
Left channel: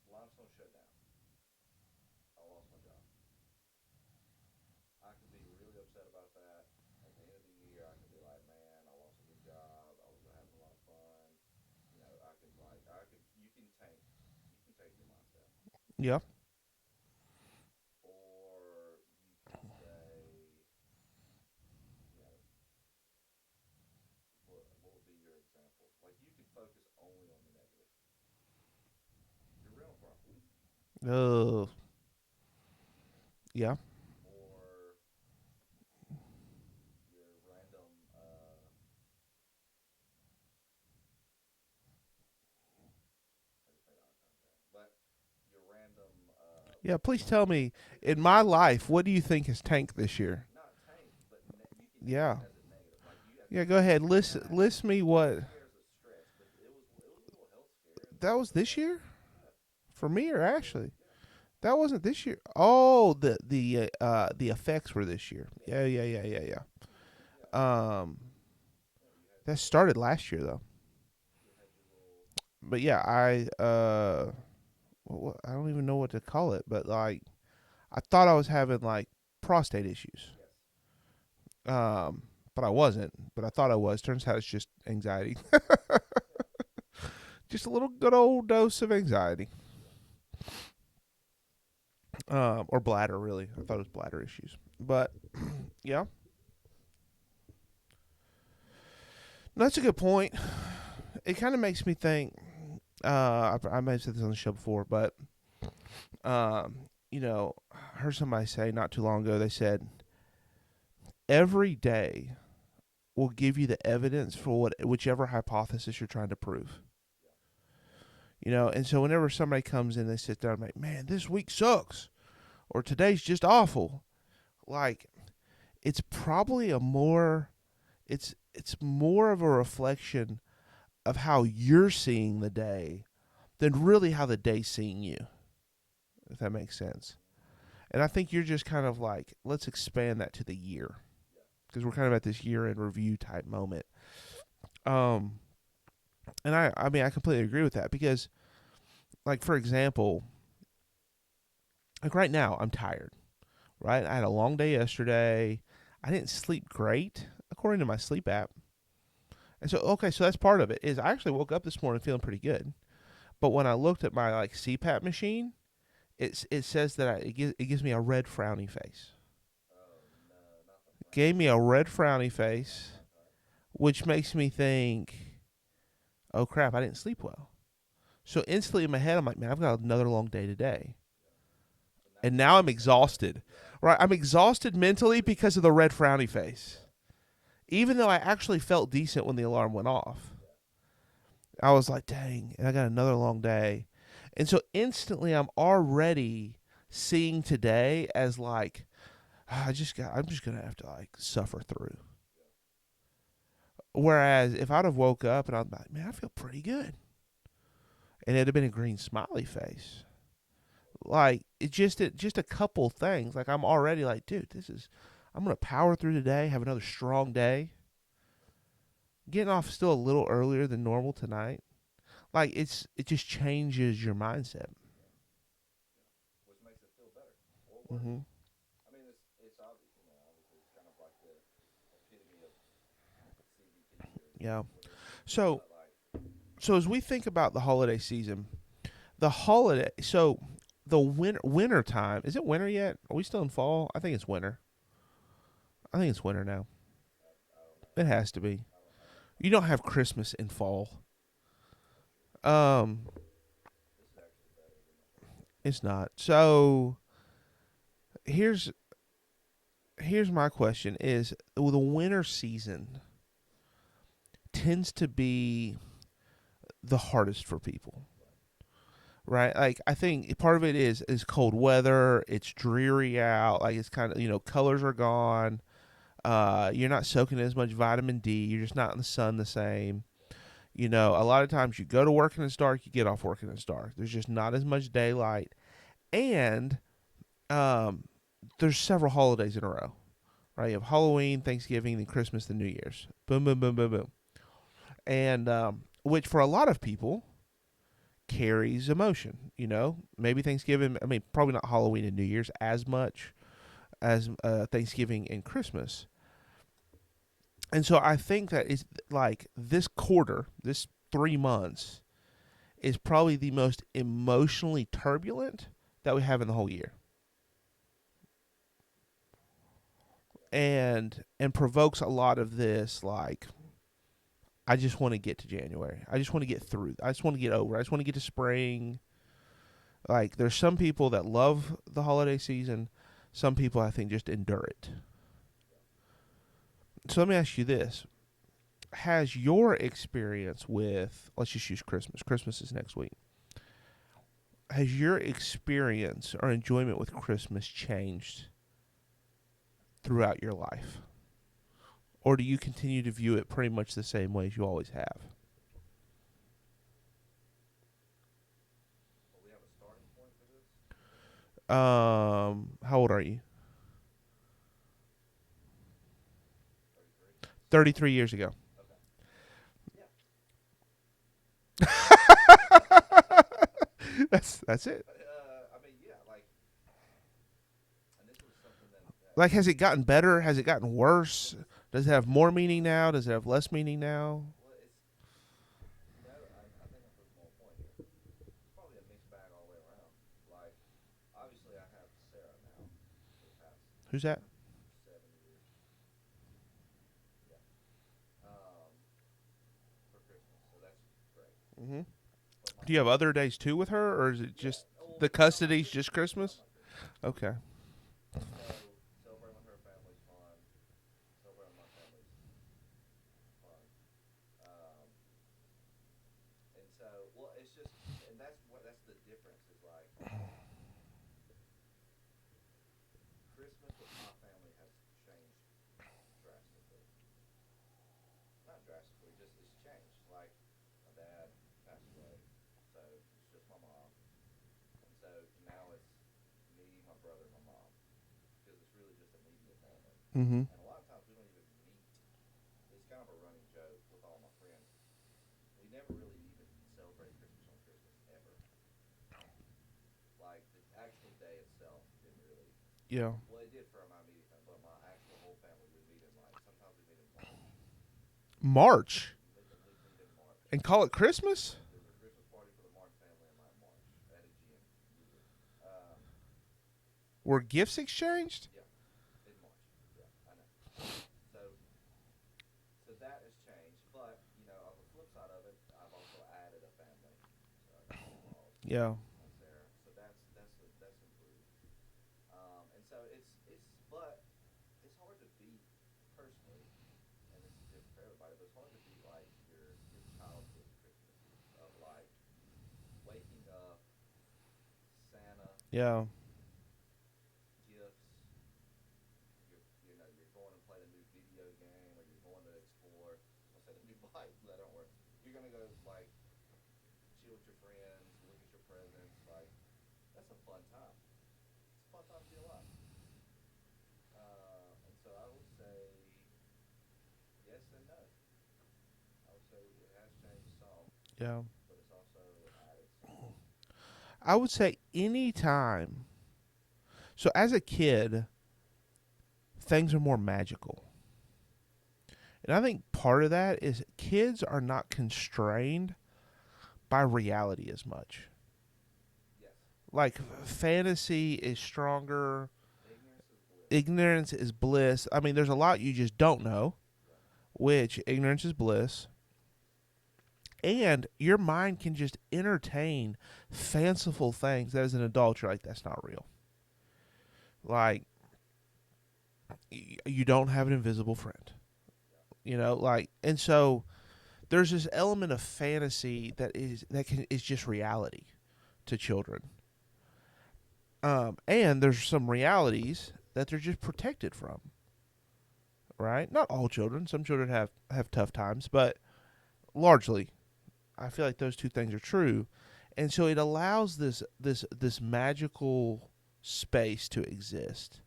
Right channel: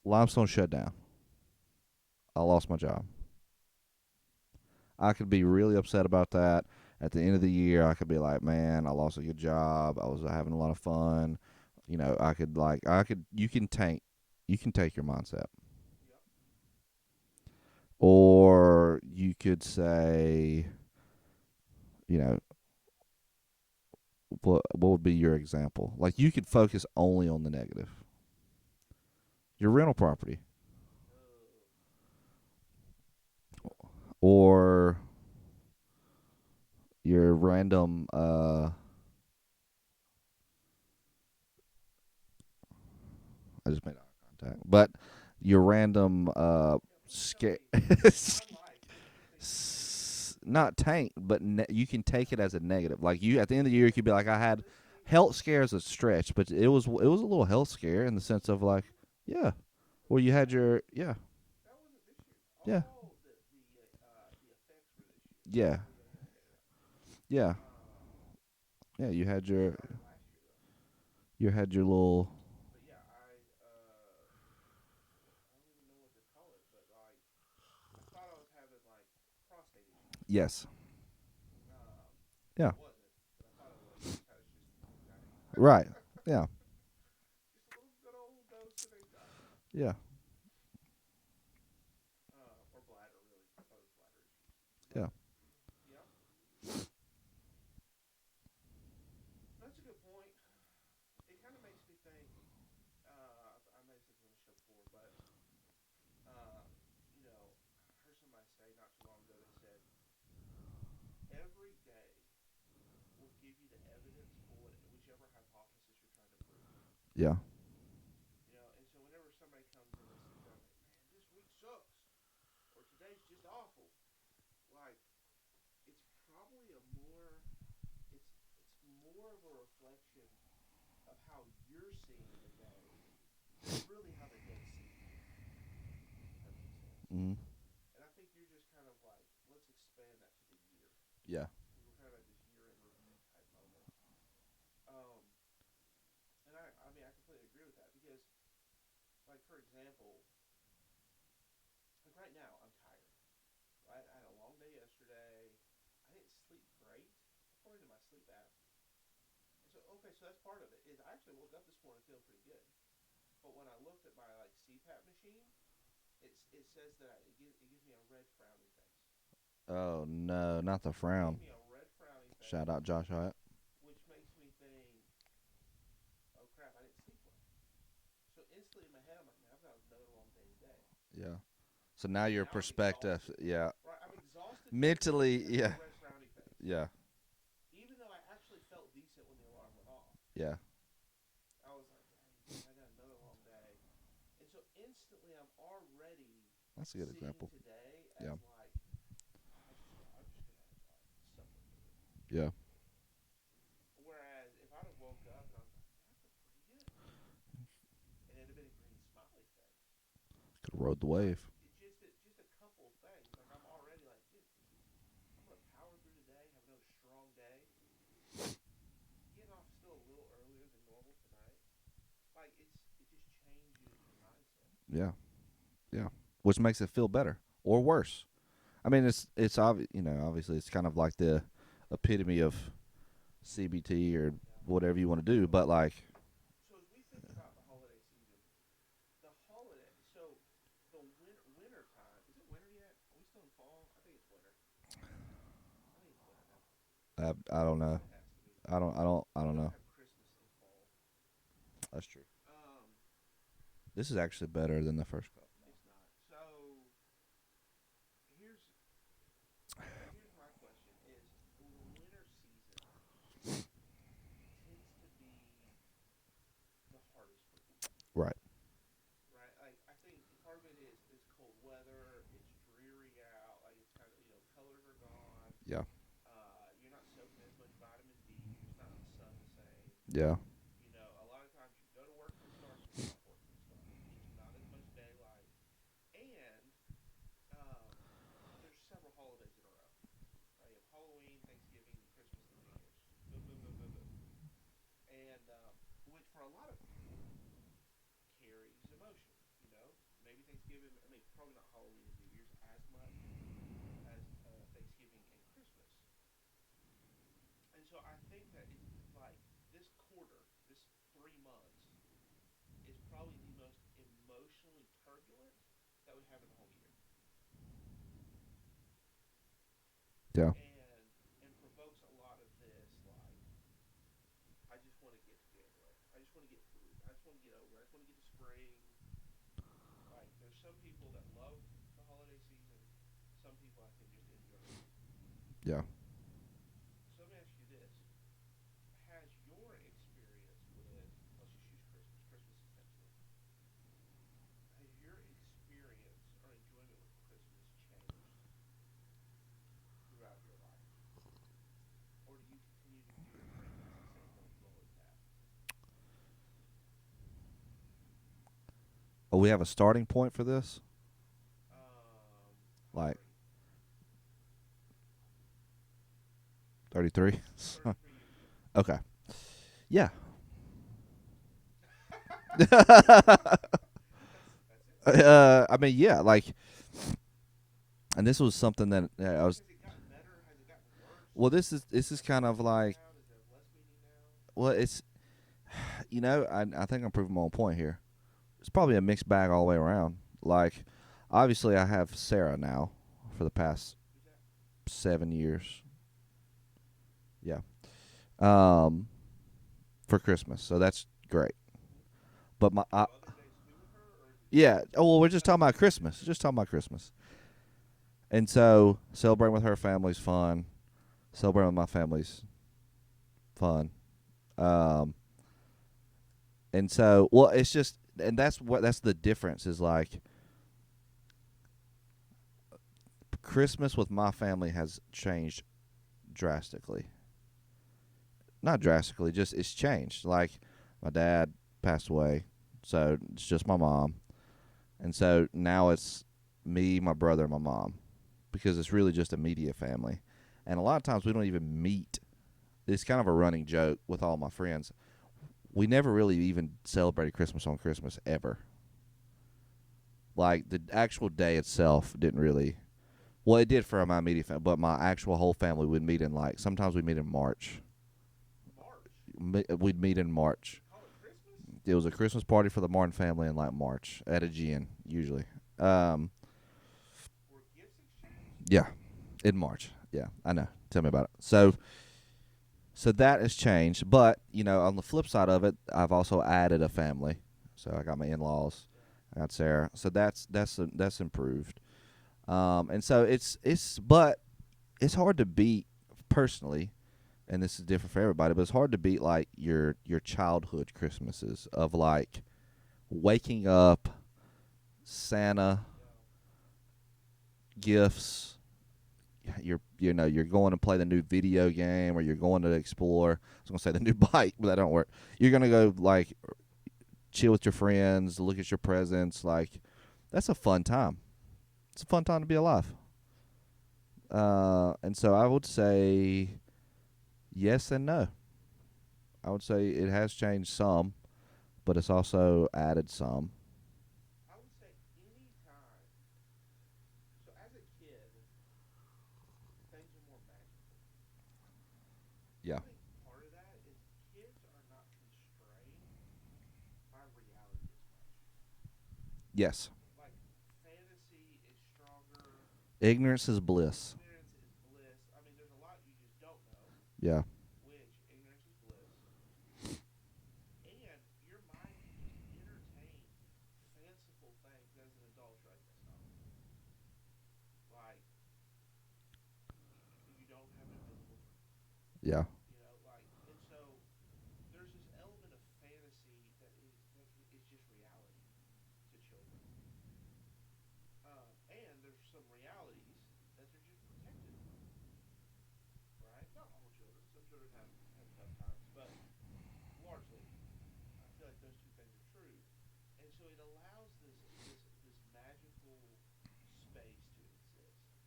Limestone shut down. I lost my job. I could be really upset about that. At the end of the year, I could be like, man, I lost a good job. I was having a lot of fun. You can take your mindset. Yeah. Or you could say, what would be your example? Like, you could focus only on the negative. Your rental property. Oh. Yeah. Or your random I just made eye contact. But your random yeah, please tell me, in my life, what do you think has tanked this year? Not tanked, but you can take it as a negative. Like, you at the end of go the year, ahead. you could be like, I had list me what health scare is a stretch, but it was a little health scare in the that sense was of this like, year yeah, for where me. you had Actually, yeah. that wasn't this year. Oh, the effects were this year. Yeah. Yeah. Yeah. Yeah, you had that your started last year though. You had your little. But yeah, I don't even know what to call it, but like, I thought I was having like prostate issues. Yes. But Yeah. I wasn't. But I thought I was. Turns out it's just anxiety. Right. Yeah. Just a little good old dose of anxiety. Yeah. Or bladder, really. I thought it was bladder issues. But, yeah. That's a good point. It kind of makes me think, I may have said this on the show before, but, you know, I heard somebody say not too long ago, they said, every day will give you the evidence for whichever hypothesis you're trying to prove. Yeah. You know, and so whenever somebody comes in, they sit down and like, man, this week sucks, or today's just awful. Like, it's probably it's more of a reflection of how you're seeing the day than really how the day's seeing you, if that makes sense. Mm-hmm. And I think you're just kind of like, let's expand that to the year. Yeah. Because we're kind of at this year-end review type moment. And I mean, I completely agree with that because, like, for example, like right now, I'm tired, right? I had a long day yesterday. I didn't sleep great, according to my sleep app. And so, okay, so that's part of it, is I actually woke up this morning feeling pretty good. But when I looked at my, like, CPAP machine, it says that it gives me a red frowny face. Oh, no, not the frown. Gave me a red frowny face. Shout out Josh Hyatt. Which makes me think, oh, crap, I didn't sleep well. So instantly in my head, I'm like, man, I've got another long day today. Yeah. So now And now I'm exhausted. Yeah. Right, I'm exhausted mentally because of the red frowny face. Yeah. Even though I actually felt decent when the alarm went off. Yeah. I was like, dang, and I got another long day. And so instantly I'm already seeing today as like, I'm just going to have to like suffer through. Yeah. Whereas if I'd have woke up and I'm like, man, I feel pretty good. And it'd have been a green smiley face. Rode the Like, it's just a couple things. Like, I'm already like, dude, I'm going to power through today, have another strong day. Getting off still a little earlier than normal tonight. Like, it just changes your mindset. Yeah. Yeah. Which makes it feel better or worse. Mm-hmm. I mean, it's obvious, obviously it's kind of like the epitome of CBT or whatever you want to do, but like. So as we think about the holiday season, so the winter time, is it winter yet? Are we still in fall? I think it's winter. I think it's winter now. I don't know. It has to be. I don't. You don't have Christmas in fall. That's true. This is actually better than the first one. It's not. So here's my question: is the winter season tends to be the hardest for people, right? Right. Like, I think part of it is cold weather. It's dreary out. Like, it's kind of, colors are gone. Yeah. You're not soaking as much vitamin D. You're just not in the sun the same. Yeah. A lot of times you go to work and it's dark, you get off work and it's dark. There's just not as much daylight. And there's several holidays in a row, right? You have Halloween, Thanksgiving, then Christmas, then New Year's. Boom, boom, boom, boom, boom. And which for a lot of people carries emotion, Maybe Thanksgiving, probably not Halloween and New Year's as much as Thanksgiving and Christmas. And so I think that it's like this quarter, this 3 months, is probably the most emotionally turbulent that we have in the whole year. Yeah. And provokes a lot of this, like, I just want to get to January. I just want to get through. I just want to get over. I just want to get to spring. Like, there's some people that love the holiday season. Some people, I think, just endure it. Yeah. So let me ask you this. Has your experience with, let's just use Christmas. Christmas is next week. Has your experience or enjoyment with Christmas changed throughout your life? Or do you continue to view it pretty much the same way as you always have? Oh, we have a starting point for this? How old are you? 33. 33 years ago. Okay. Yeah. That's it. Yeah, like And this was something that Like, has it gotten better? Has it gotten worse? well, this is Does it have more meaning now? Does it have less meaning now? Well, it's I think I'm proving my own point here. It's probably a mixed bag all the way around. Like, obviously, I have Sarah now for the past Who's that? 7 years. Yeah. For Christmas, so that's great. Mm-hmm. But Do you have other days too with her, or is it? Yeah. Just Oh, well, we're the just talking about custody's Christmas. just Christmas? talking about Christmas. Okay. And so celebrating with her family's fun. Celebrating with my family's fun. And so, well, it's just, and that's the difference is like Christmas with my family has changed drastically. Not drastically, just it's changed. Like, my dad passed away, so it's just my mom. And so now it's me, my brother, and my mom, because it's really just immediate family. Mm-hmm. And a lot of times we don't even meet. It's kind of a running joke with all my friends. We never really even celebrated Christmas on Christmas ever. Like, the actual day itself didn't really. Yeah. Well, it did for my immediate family, but my actual whole family would meet in, like, sometimes we'd meet in March. March? We'd meet in March. And call it Christmas? It was a Christmas party for the Martin family in, like, March at a gin, usually. Were gifts exchanged? Yeah, in March. Yeah, I know. Tell me about it. So that has changed, but on the flip side of it, I've also added a family. So I got my in-laws. Yeah. I got Sarah. So that's improved. And so but it's hard to beat personally, and this is different for everybody. But it's hard to beat like your childhood Christmases of like waking up, Santa. Yeah. Gifts. You're going to play the new video game, or you're going to explore. I was gonna say the new bike, but that don't work. You're gonna go like chill with your friends, look at your presents. Like, that's a fun time. It's a fun time to be alive. And so I would say yes and no. I would say it has changed some. Yeah. But it's also added some. I would say any time. So as a kid, things are more magical. And I think part of that is kids are not constrained by reality as much. Yes. Like, fantasy is stronger. Ignorance is bliss. Ignorance is bliss. I mean, there's a lot you just don't know. Yeah. Which ignorance is bliss. And your mind can just entertain fanciful things that as an adult you're like, that's not real. Like, you don't have an invisible friend. Yeah. And so there's this element of fantasy that is just reality to children. And there's some realities that they're just protected from. Right? Not all children. Some children have tough times, but largely I feel like those two things are true. And so it allows this magical space to exist.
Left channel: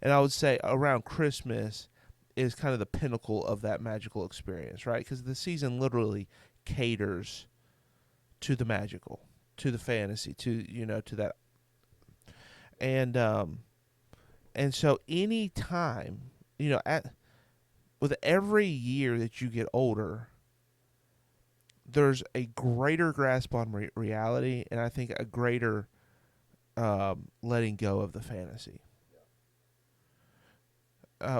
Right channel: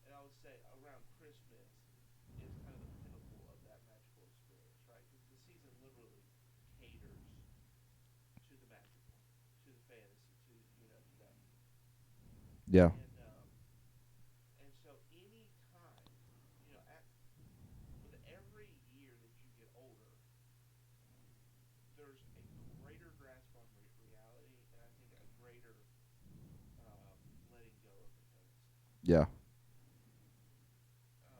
And I would say around Christmas is kind of the pinnacle of that magical experience, right? Because the season literally caters to the magical, to the fantasy, to that. Yeah. And so any time, with every year that you get older, there's a greater grasp on reality, and I think a greater letting go of the fantasy. Yeah.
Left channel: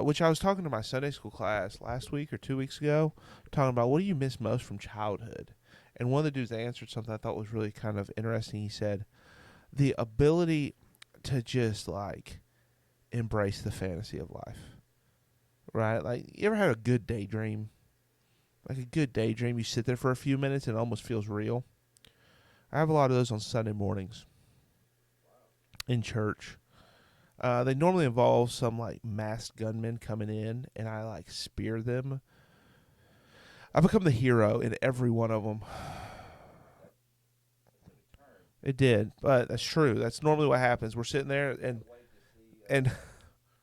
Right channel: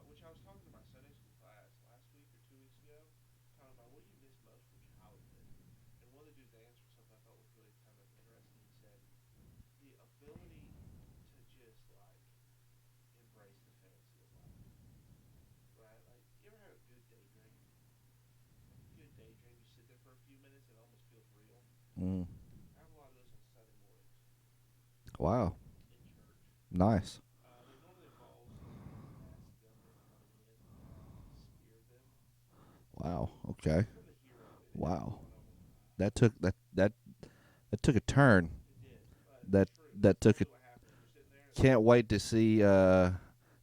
Which I was talking to my Sunday school class last week or 2 weeks ago, talking about what do you miss most from childhood? And one of the dudes answered something I thought was really kind of interesting. He said, the ability to just like embrace the fantasy of life. Right? Like, you ever had a good daydream? Like a good daydream, you sit there for a few minutes and it almost feels real. Mm. I have a lot of those on Sunday mornings. Wow. In church. Nice. They normally involve some like masked gunmen coming in, and I like spear them. Wow. Okay. I become the hero in every one of them. That took a turn. It did, but that's true. That's normally what happens. We're sitting there. Can't wait to see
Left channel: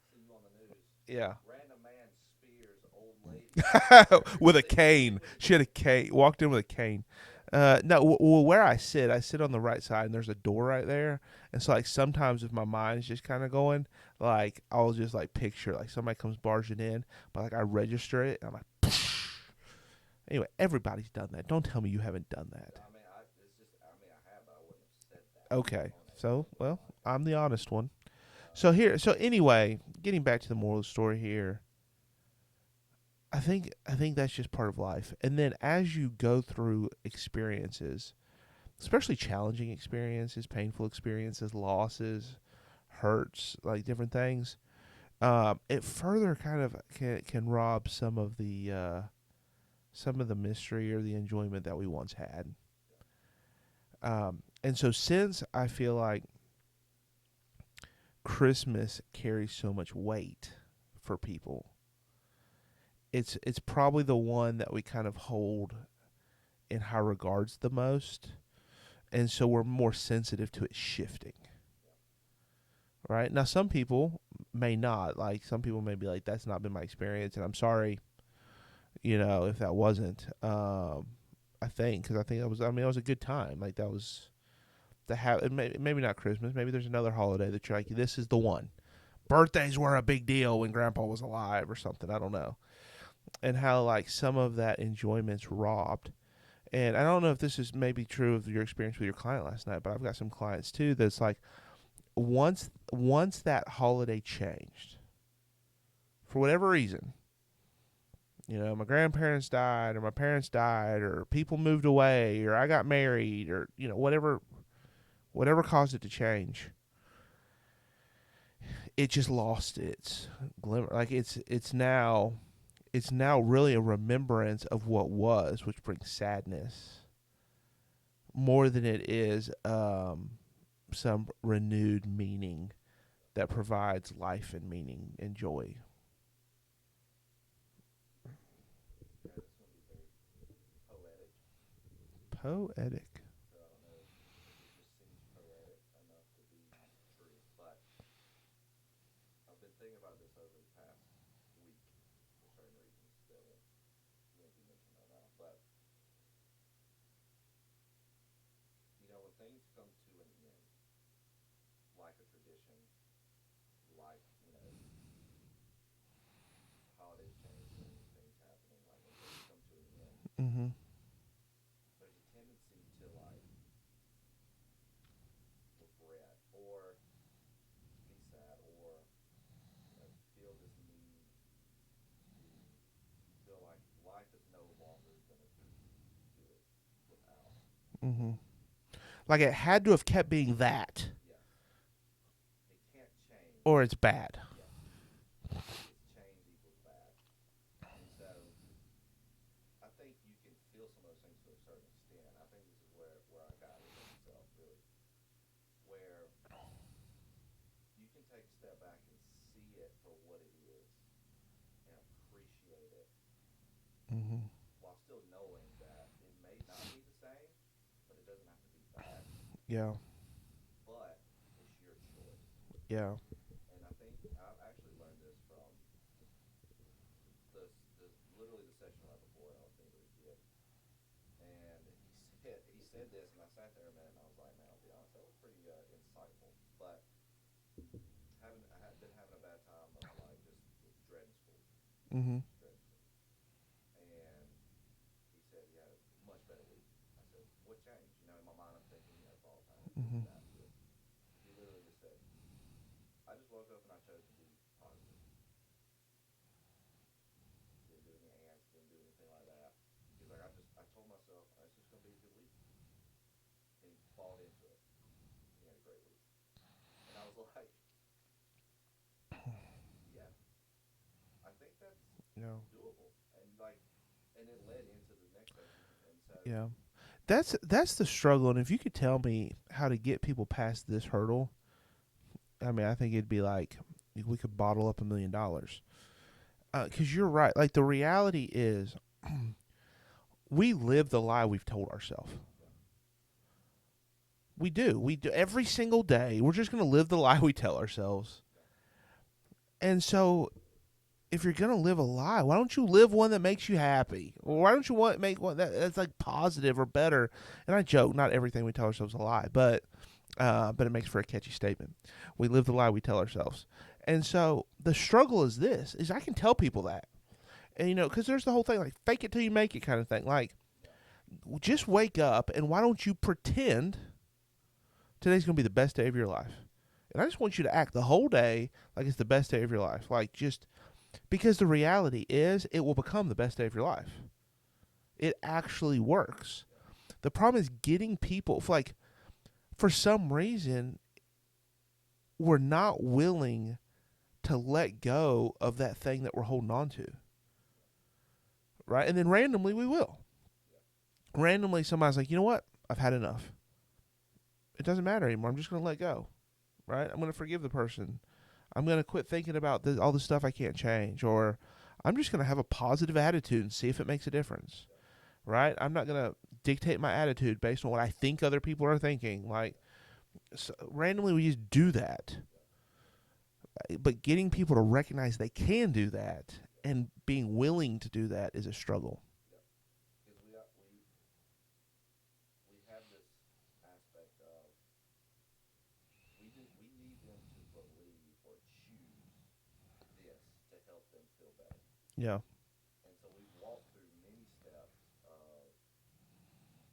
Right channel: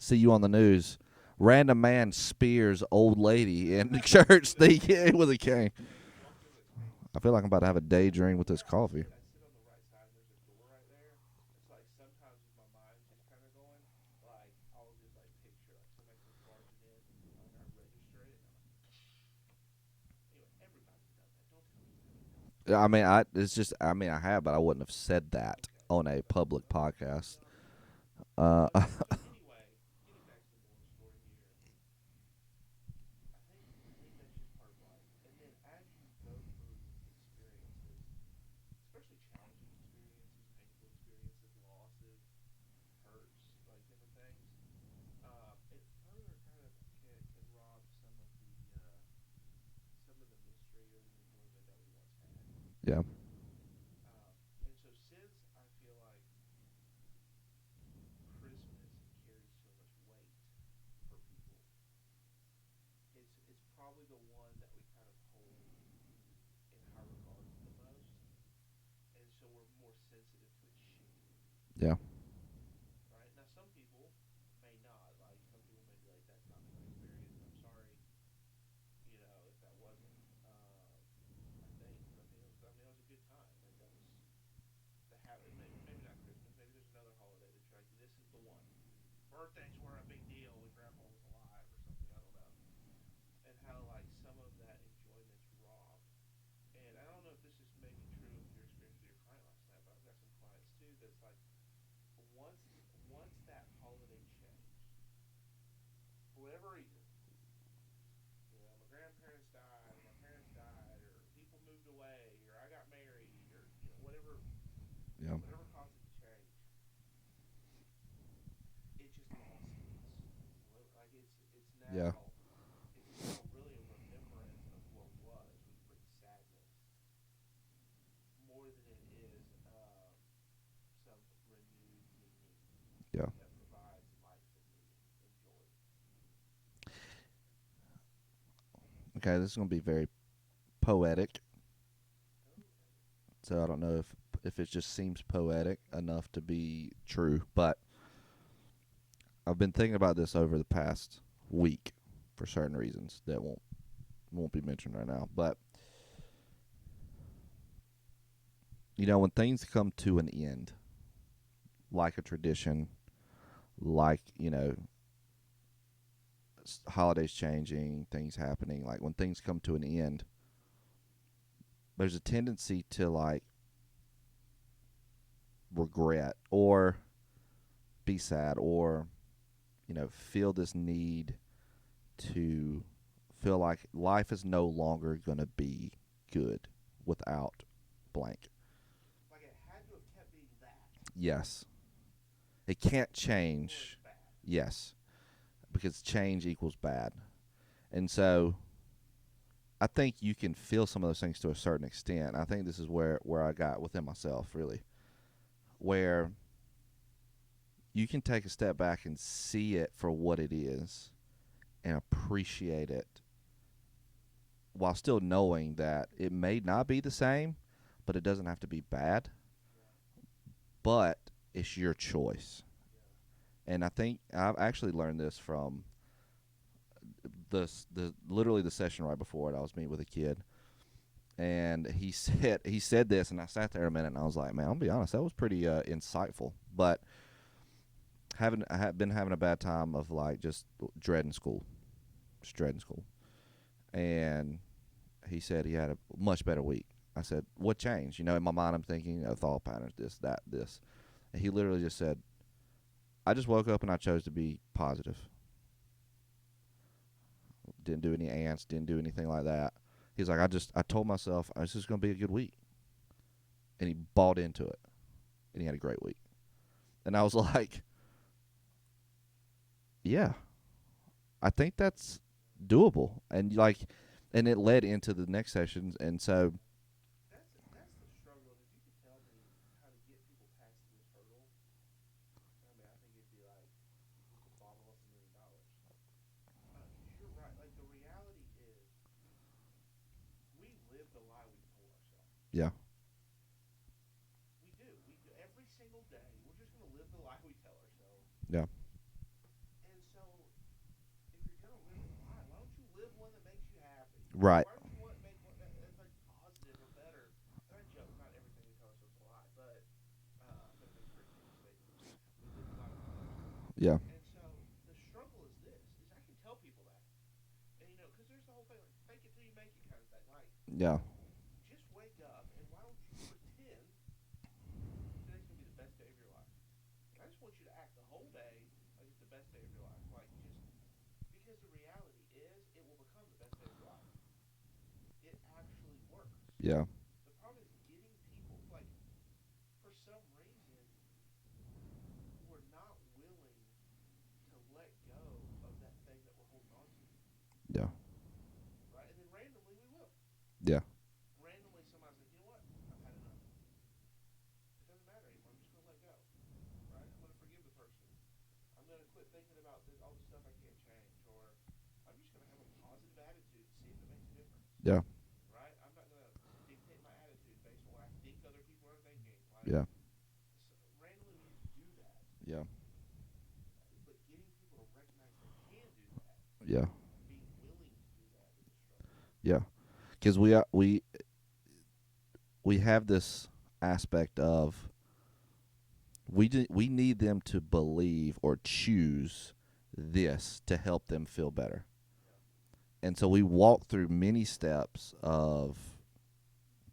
see you on the news. Yeah. Random man spears old lady in the church with a cane. with a She had a cane. cane. Walked in with a cane. I feel like I'm about to have a daydream with where this I coffee. sit on the right side, and there's a door right there. And so, like, sometimes if my mind's just kind of going, like, I'll just, like, picture, like, somebody comes barging in, but, like, I register it, and I'm like, anyway, everybody's done that. Don't tell me you haven't done that. I mean, I have, but I wouldn't have said that on a public podcast. I'm the honest one. So anyway, getting back to the moral of the story here, I think that's just part of life. And then as you go through experiences, especially challenging experiences, painful experiences, losses, hurts, like different things, it further kind of can rob some of the mystery or the enjoyment that we once had. Yeah. And so since I feel like Christmas carries so much weight for people, it's probably the one that we kind of hold in high regards the most, and so we're more sensitive to it shifting. Yeah. Right? Now, some people may not. Like, some people may be like, that's not been my experience, and I'm sorry, if that wasn't. I think, because I think it was a good time. Like, that was maybe not Christmas. Maybe there's another holiday that you're like, this is the one. Birthdays were a big deal when Grandpa was alive or something. I don't know. And how, like, some of that enjoyment's robbed. And I don't know if this is maybe true of your experience with your client last night, but I've got some clients too that's like, once that holiday changed, for whatever reason, my grandparents died, or my parents died, or people moved away, or I got married, or whatever caused it to change, it just lost its glimmer. Like, it's now really a remembrance of what was, which brings sadness more than it is some renewed meaning that provides life and meaning and joy. Okay, this is going to be very poetic. Poetic. So I don't know if it just seems poetic enough to be true, but I've been thinking about this over the past week for certain reasons that won't be mentioned right now. But when things come to an end, like a tradition, like holidays changing, things happening, like when things come to an end, mm-hmm. there's a tendency to like regret or be sad or feel this need to feel like life is no longer going to be good without blank. Like, it had to have kept being that. Yes. It can't change. Or it's bad. Yes. Because change equals bad. And so I think you can feel some of those things to a certain extent. I think this is where I got within myself, really, where you can take a step back and see it for what it is and appreciate it while still knowing that it may not be the same, but it doesn't have to be bad. Yeah. But it's your choice. Yeah. And I think I've actually learned this from literally the session right before it. I was meeting with a kid, and he said this, and I sat there a minute, and I was like, man, I'll be honest, that was pretty insightful. But I have been having a bad time of like just dreading school, just dreading school. And he said he had a much better week. I said, what changed? In my mind I'm thinking thought patterns, this, that, this. And he literally just said, I just woke up and I chose to be positive. Didn't do any ants, didn't do anything like that. He's like, I told myself this is going to be a good week. And he bought into it. And he had a great week. And I was like, yeah, I think that's doable. And and it led into the next sessions. And so that's the struggle. And if you could tell me how to get people past this hurdle, I mean, I think it'd be like we could bottle up $1 million. 'Cause you're right. Like, the reality is we live the lie we've told ourselves. Yeah. We do every single day. We're just going to live the lie we tell ourselves. Yeah. And so if you're gonna live a lie, why don't you live one that makes you happy? Or Right. why don't you make one that's like positive or better? And I joke, not everything we tell ourselves is a lie, but it makes for a catchy statement. We live the lie we tell ourselves. Yeah. And so the struggle is this: is I can tell people that, and because there's the whole thing like fake it till you make it kind of thing. Like, Yeah. just wake up and why don't you pretend today's gonna be the best day of your life? And I just want you to act the whole day like it's the best day of your life. Like, just because the reality is it will become the best day of your life. It actually works. Yeah. The problem is getting people, like, for some reason, we're not willing to let go of that thing that we're holding on to. Yeah. Right? And then randomly we will. Yeah. Randomly somebody's like, you know what? I've had enough. It doesn't matter anymore. I'm just going to let go. Right? I'm going to forgive the person. I'm going to quit thinking about all the stuff I can't change. Or I'm just going to have a positive attitude and see if it makes a difference. Yeah. Right? I'm not going to dictate my attitude based on what I think other people are thinking. Like, Yeah. so randomly we just do that. Yeah. But getting people to recognize they can do that Yeah. and being willing to do that is a struggle. Yeah. Because we have this aspect of we need them to believe or choose this to help them feel better. Yeah. And so we walk through many steps of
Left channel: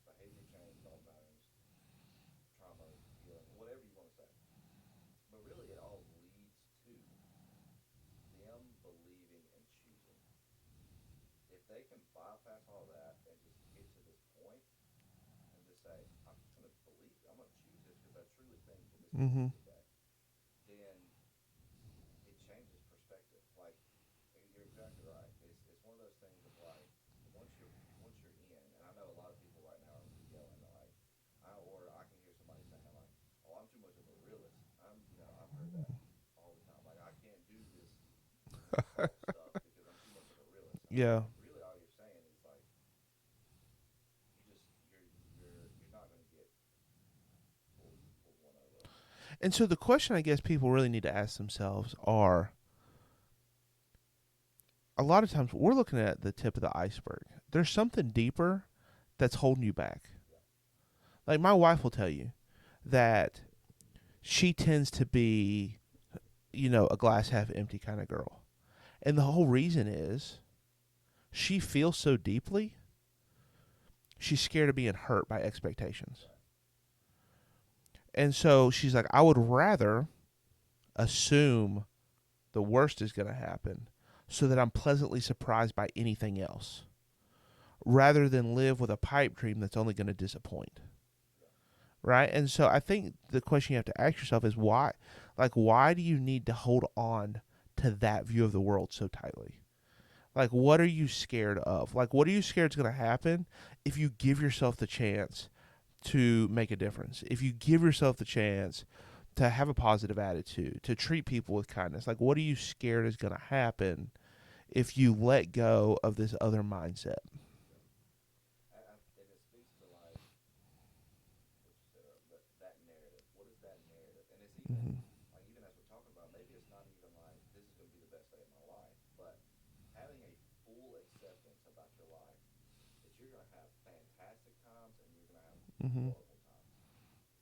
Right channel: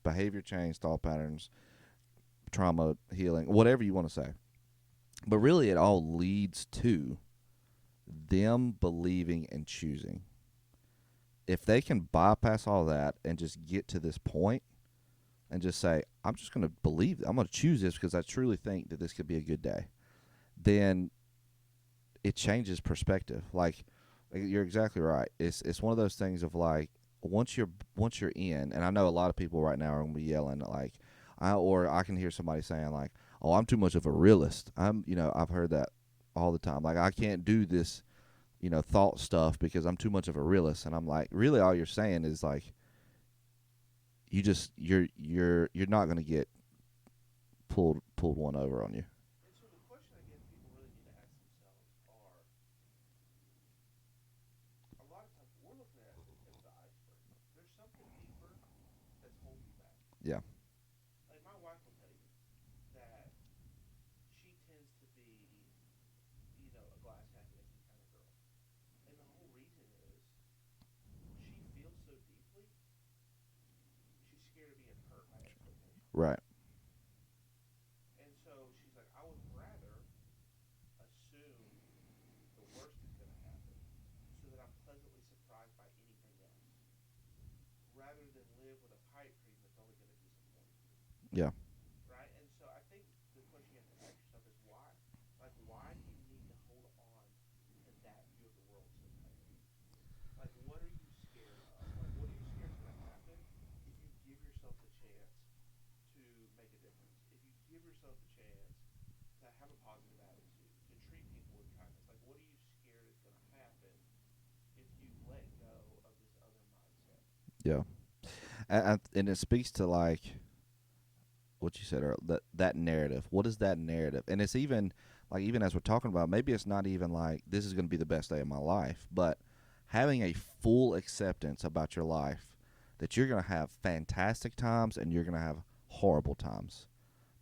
behavior change, thought patterns, trauma healing, whatever you want to say. But really it all leads to them believing and choosing. If they can bypass all that and just get to this point and just say, I'm just going to believe, I'm going to choose this because I truly think that this could be a good day, then it changes perspective. Like, you're exactly right. It's one of those things of like, once you're in, and I know a lot of people right now are going to be yelling like, or I can hear somebody saying like, oh, I'm too much of a realist. I've heard that all the time. Like, I can't do this, thought stuff because I'm too much of a realist. And I'm like, really, all you're saying is like, you're not going to get pulled one over on you. And so the question I guess people really need to ask themselves are, a lot of times we're looking at the tip of the iceberg. There's something deeper that's holding you back. Yeah. Like, my wife will tell you that she tends to be, a glass half empty kind of girl. And the whole reason is she feels so deeply, she's scared of being hurt by expectations. Right. And so she's like, I would rather assume the worst is going to happen so that I'm pleasantly surprised by anything else, rather than live with a pipe dream that's only going to disappoint. Yeah. Right? And so I think the question you have to ask yourself is why? Like, why do you need to hold on to that view of the world so tightly? Like, what are you scared of? Like, what are you scared is going to happen if you give yourself the chance to make a difference? If you give yourself the chance to have a positive attitude, to treat people with kindness? Like, what are you scared is going to happen if you let go of this other mindset? Yeah. And it speaks to like what you said earlier, that narrative. What is that narrative? And it's even like, even as we're talking about, maybe it's not even like this is going to be the best day of my life, but having a full acceptance about your life that you're going to have fantastic times and you're going to have horrible times.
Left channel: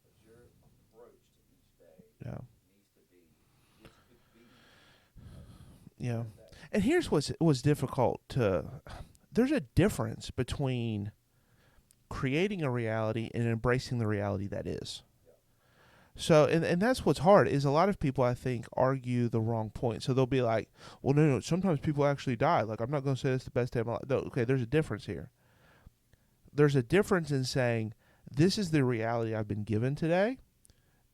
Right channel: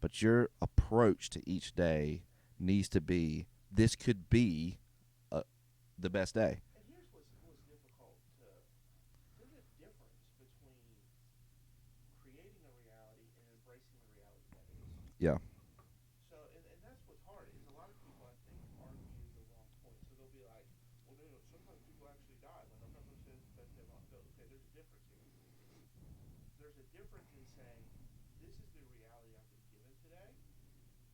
But your approach to each day needs to be, this could be the best day. And here's what's difficult there's a difference between creating a reality and embracing the reality that is. Yeah. So, and that's what's hard, is a lot of people, I think, argue the wrong point. So they'll be like, well, no, sometimes people actually die. Like, I'm not going to say it's the best day of my life. No, okay, there's a difference here. There's a difference in saying, this is the reality I've been given today,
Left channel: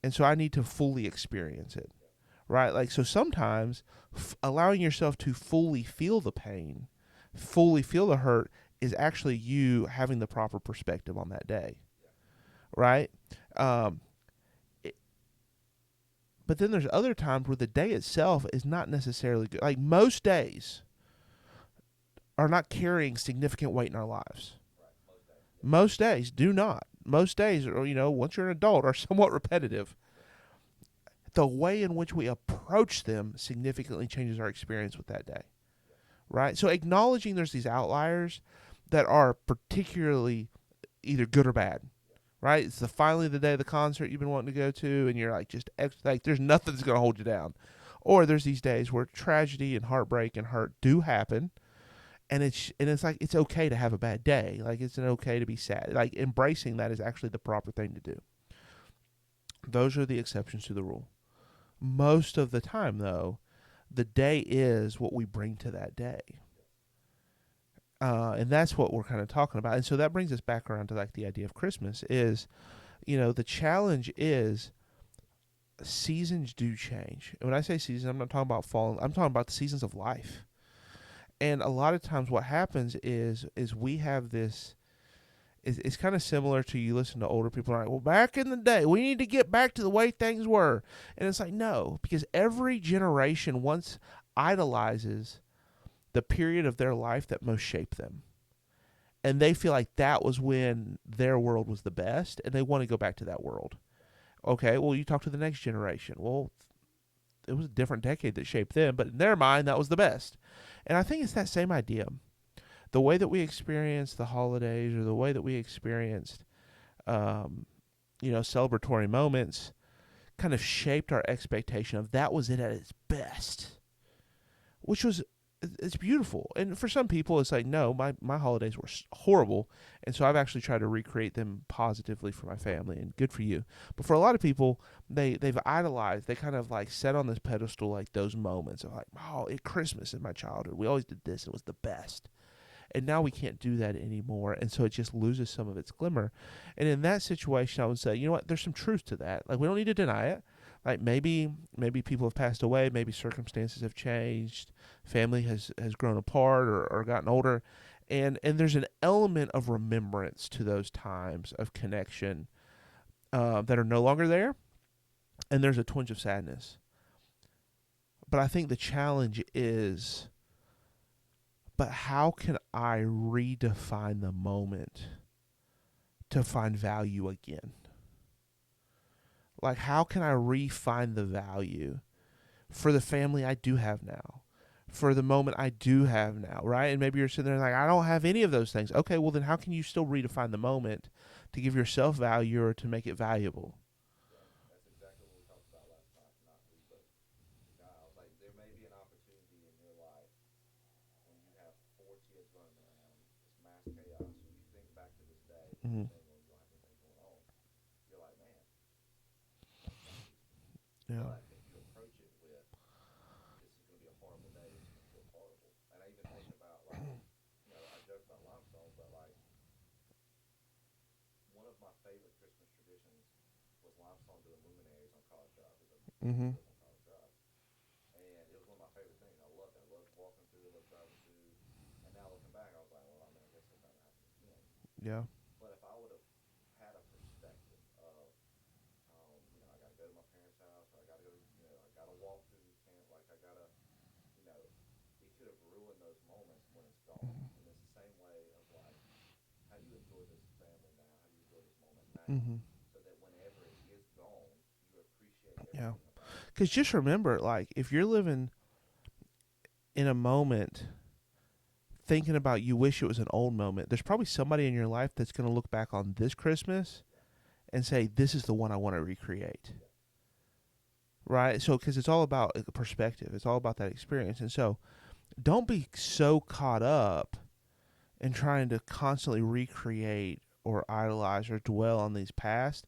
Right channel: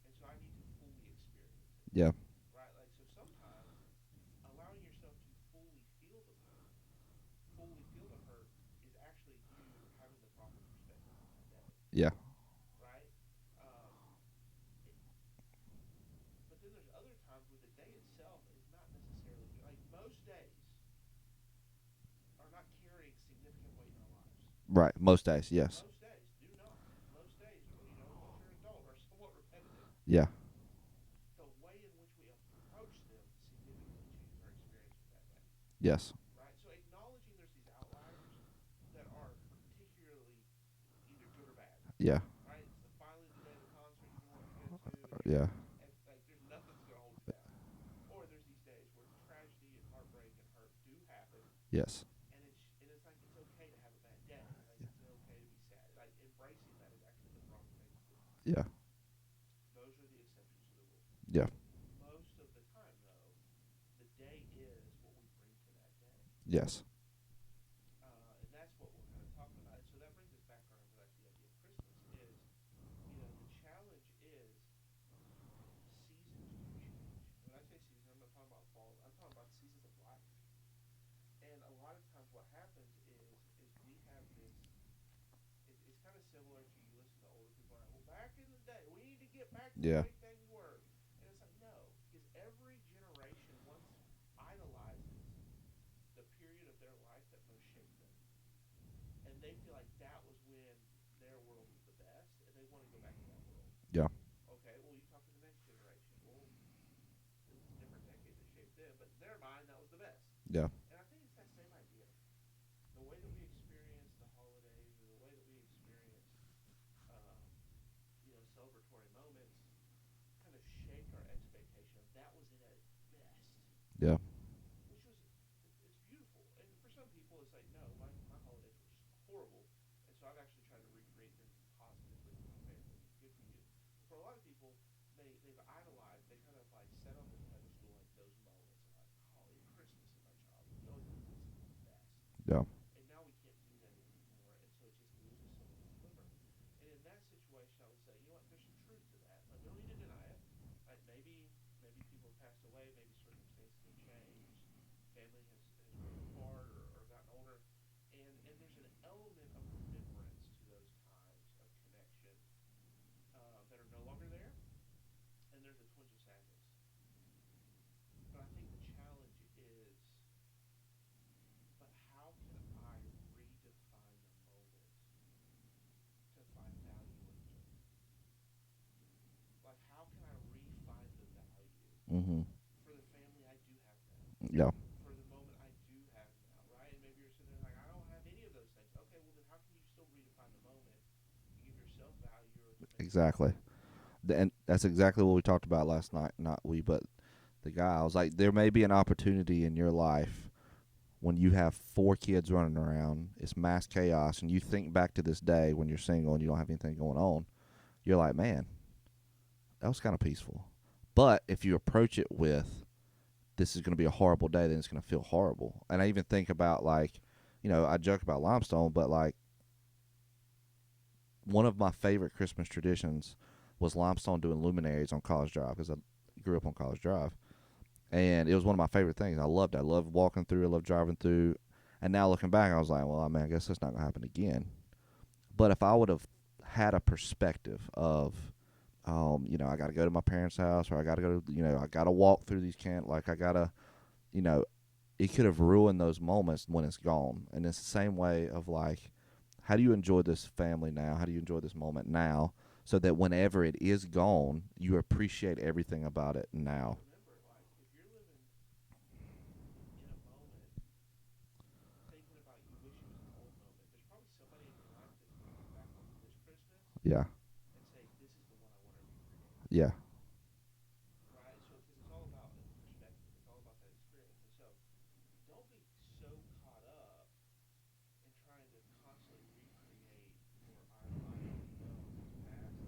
and so I need to fully experience it. Yeah. Right? Like, so sometimes allowing yourself to fully feel the pain, fully feel the hurt, is actually you having the proper perspective on that day. Yeah. Right? But then there's other times where the day itself is not necessarily good. Like, most days are not carrying significant weight in our lives. Right. Most days, yes. Most days do not. Most days, or once you're an adult, are somewhat repetitive. Yeah. the way in which we approach them significantly changes our experience with that day. Yes. Right? So acknowledging there's these outliers that are particularly either good or bad. Yeah. Right? It's finally the day of the concert you've been wanting to go to, and you're Yeah. like like there's nothing that's going to hold you down. Or there's these days where tragedy and heartbreak and hurt do happen. Yes. And it's like it's okay to have a bad day. Like it's okay to be sad. Like embracing that is actually the proper thing to do. Yeah. Those are the exceptions to the rule. Yeah. Most of the time, though, the day is what we bring to that day. Yes. And that's what we're kind of talking about. And so that brings us back around to like the idea of Christmas is, the challenge is seasons do change. And when I say seasons, I'm not talking about fall. I'm talking about the seasons of life. And a lot of times what happens is we have this, it's kind of similar to you listen to older people and like, well, back in the day, we need to get back to the way things were. And it's like, no, because every generation once idolizes the period of their life that most shaped them. And they feel like that was when their world was the best, and they want to go back to that world. Yeah. Okay, well, you talk to the next generation. Well, it was a different decade that shaped them, but in their mind, that was the best. Yeah. And I think it's that same idea. The way that we experienced the holidays or the way that we experienced, celebratory moments kind of shaped our expectation of that was it at its best. Yeah. Which was, it's beautiful. And for some people, it's like, no, my holidays were horrible. And so I've actually tried to recreate them positively for my family, and good for you. But for a lot of people, they've idolized, they kind of like set on this pedestal like those moments of like, oh, at Christmas in my childhood, we always did this, it was the best. Yeah. And now we can't do that anymore, and so it just loses some of its glimmer. And in that situation, I would say, you know what, there's some truth to that. Like, we don't need to deny it. Like, maybe people have passed away, maybe circumstances have changed, family has grown apart or gotten older. And there's an element of remembrance to those times of connection that are no longer there, and there's a twinge of sadness. But I think the challenge is, but how can I redefine the moment to find value again? Like, how can I refine the value for the family I do have now? Yeah. For the moment I do have now, right? And maybe you're sitting there like, I don't have any of those things. Okay, well then how can you still redefine the moment to give yourself value or to make it valuable? And that's exactly what we talked about last night. Not we, but the guy. I was like, there may be an opportunity in your life when you have 4 kids running around, it's mass chaos, and you think back to this day when you're single and you don't have anything going on, you're like, man, that was kind of peaceful. Yeah. But if you approach it with, this is going to be a horrible day, then it's going to feel horrible. And I even think about, like, I joke about Limestone, but, like, one of my favorite Christmas traditions was Limestone doing luminaries on College Drive, because I grew up on College Drive. And it was one of my favorite things. I loved it. I loved walking through. I loved driving through. And now looking back, I was like, well, I mean, I guess that's not going to happen again. Yeah. But if I would have had a perspective of, I got to go to my parents' house, or I got to go to, I got to walk through these like I got to, it could have ruined those moments when it's gone. And it's the same way of, like, how do you enjoy this family now? How do you enjoy this moment now? So that whenever it is gone, you appreciate everything about it. Because just remember, like, if you're living in a moment thinking about you wish it was an old moment, there's probably somebody in your life that's going to look back on this Christmas and say, this is the one I want to recreate. Yeah. Right? So, because it's all about perspective. It's all about that experience. And so, don't be so caught up in trying to constantly recreate or idolize or dwell on these past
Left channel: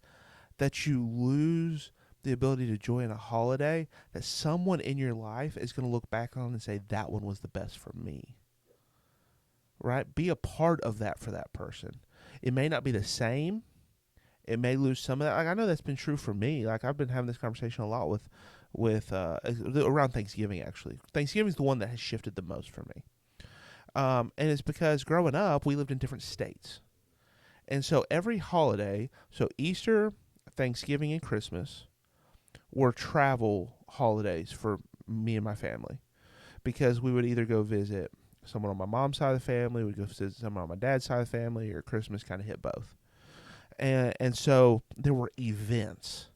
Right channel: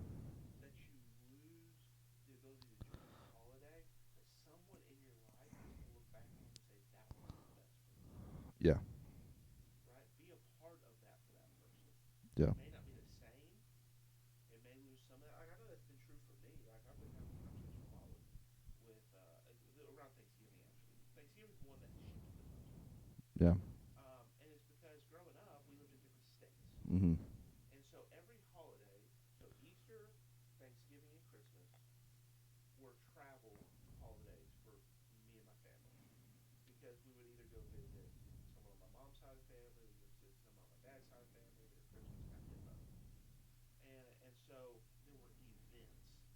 that you lose the ability to enjoy in a holiday that someone in your life is going to look back on and say, that one was the best for me. Yeah. Right? Be a part of that for that person. Yeah. It may not be the same. It may lose some of that. Like, I know that's been true for me. Like, I've been having this conversation a lot with around Thanksgiving, actually. Thanksgiving's the one that has shifted the most for me. Yeah. And it's because growing up, we lived in different states. And so every holiday, so Easter, Thanksgiving, and Christmas were travel holidays for me and my family, because we would either go visit someone on my mom's side of the family, we'd go visit someone on my dad's side of the family, or Christmas kind of hit both. And so there were events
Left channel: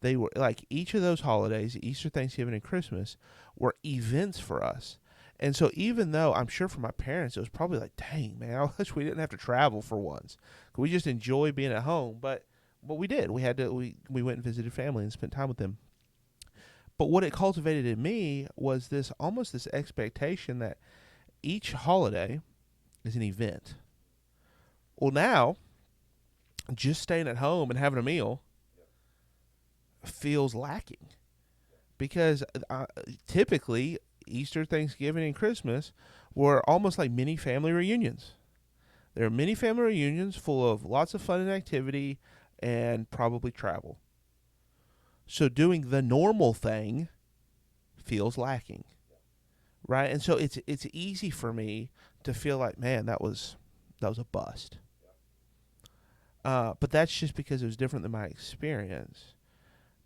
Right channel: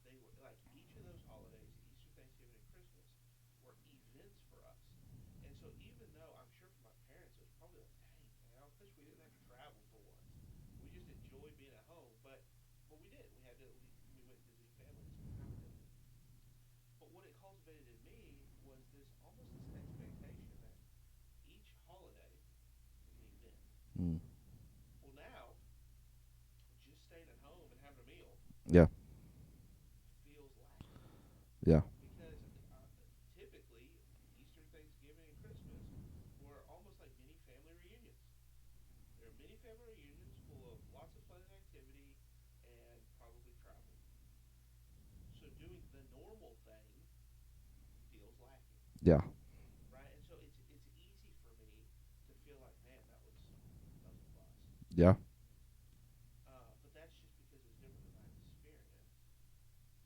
They were like each of those holidays, Easter, Thanksgiving, and Christmas, were events for us. And so even though I'm sure for my parents it was probably like, dang man, I wish we didn't have to travel for once. We just enjoy being at home. But we did. We went and visited family and spent time with them. But what it cultivated in me was this expectation that each holiday is an event. Mm. Well, now just staying at home and having a meal Yeah. feels lacking. Yeah. Because typically Easter, Thanksgiving, and Christmas were almost like mini family reunions. There are mini family reunions full of lots of fun and activity and probably travel. So doing the normal thing feels lacking. Yeah. Right? And so it's easy for me to feel like, man, that was a bust. Yeah. But that's just because it was different than my experience.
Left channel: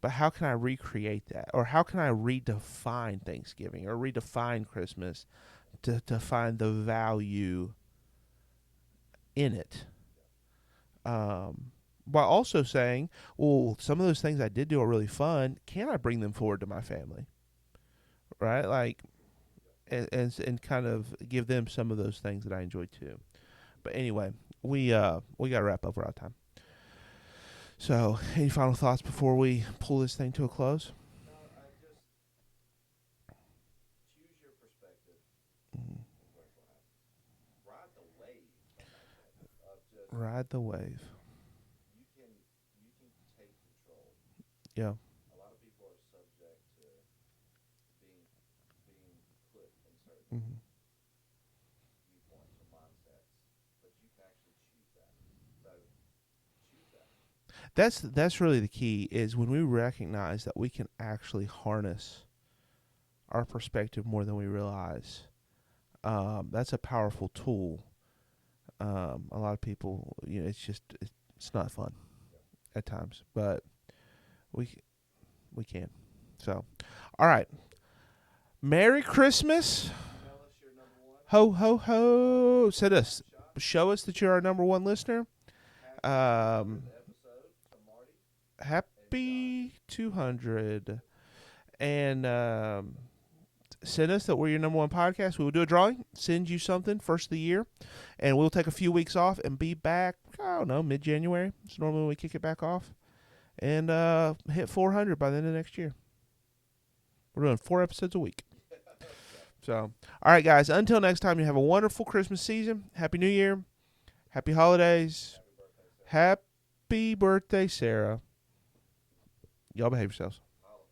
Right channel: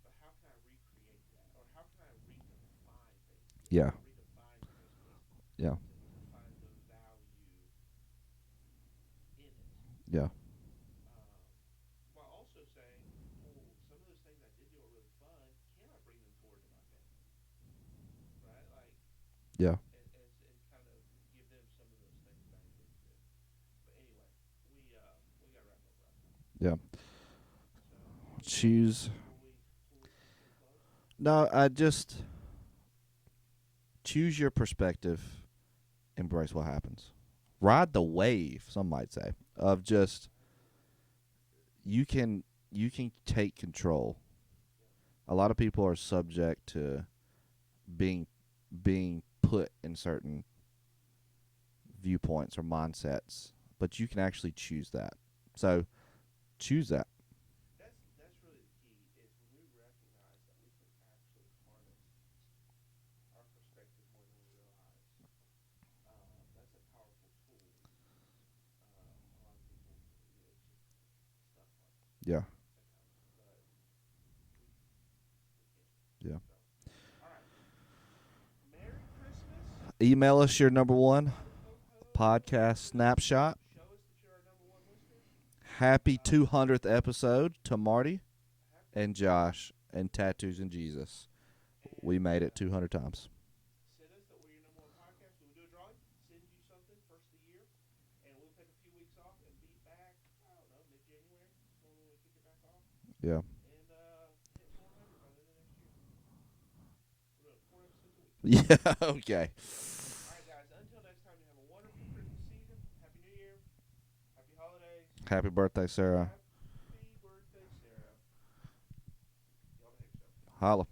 But how can I recreate that? Or how can I redefine Thanksgiving or redefine Christmas to find the value in it? Yeah. While also saying, well, some of those things I did do are really fun. Can I bring them forward to my family? Right? Like, yeah. And kind of give them some of those things that I enjoyed too. But anyway, we got to wrap up. We're out of time. Yeah. So, any final thoughts before we pull this thing to a close? No, I just choose your perspective, embrace what happens. Ride the wave, some might say, of just ride the wave. You can take control. Yeah. A lot of people are subject to being put in certain viewpoints or mindsets, but you can actually choose that. So, choose that. That's really the key, is when we recognize that we can actually harness our perspective more than we realize. That's a powerful tool. A lot of people, it's not fun. Yeah. At times, but we can. Yeah. So, all right. Merry Christmas. Email us your number one ho ho ho podcast snapshot. Show us that you're our number one listener. Happy 200th episode to Marty happy and Josh 200. and Tattoos and Jesus. And we made it 200 times. Send us that we're your number one podcast. We will do a drawing, send you something first of the year, and we'll take a few weeks off and be back, I don't know, mid-January. It's normally when we kick it back off. Yeah. And hit 400 by the end of next year. We're doing 4 episodes a week. Yeah, okay. So, all right, guys. Until next time, you have a wonderful Christmas season. Happy New Year. Happy holidays. Happy birthday, Sarah. Happy birthday, Sarah. Y'all behave yourselves. Holla.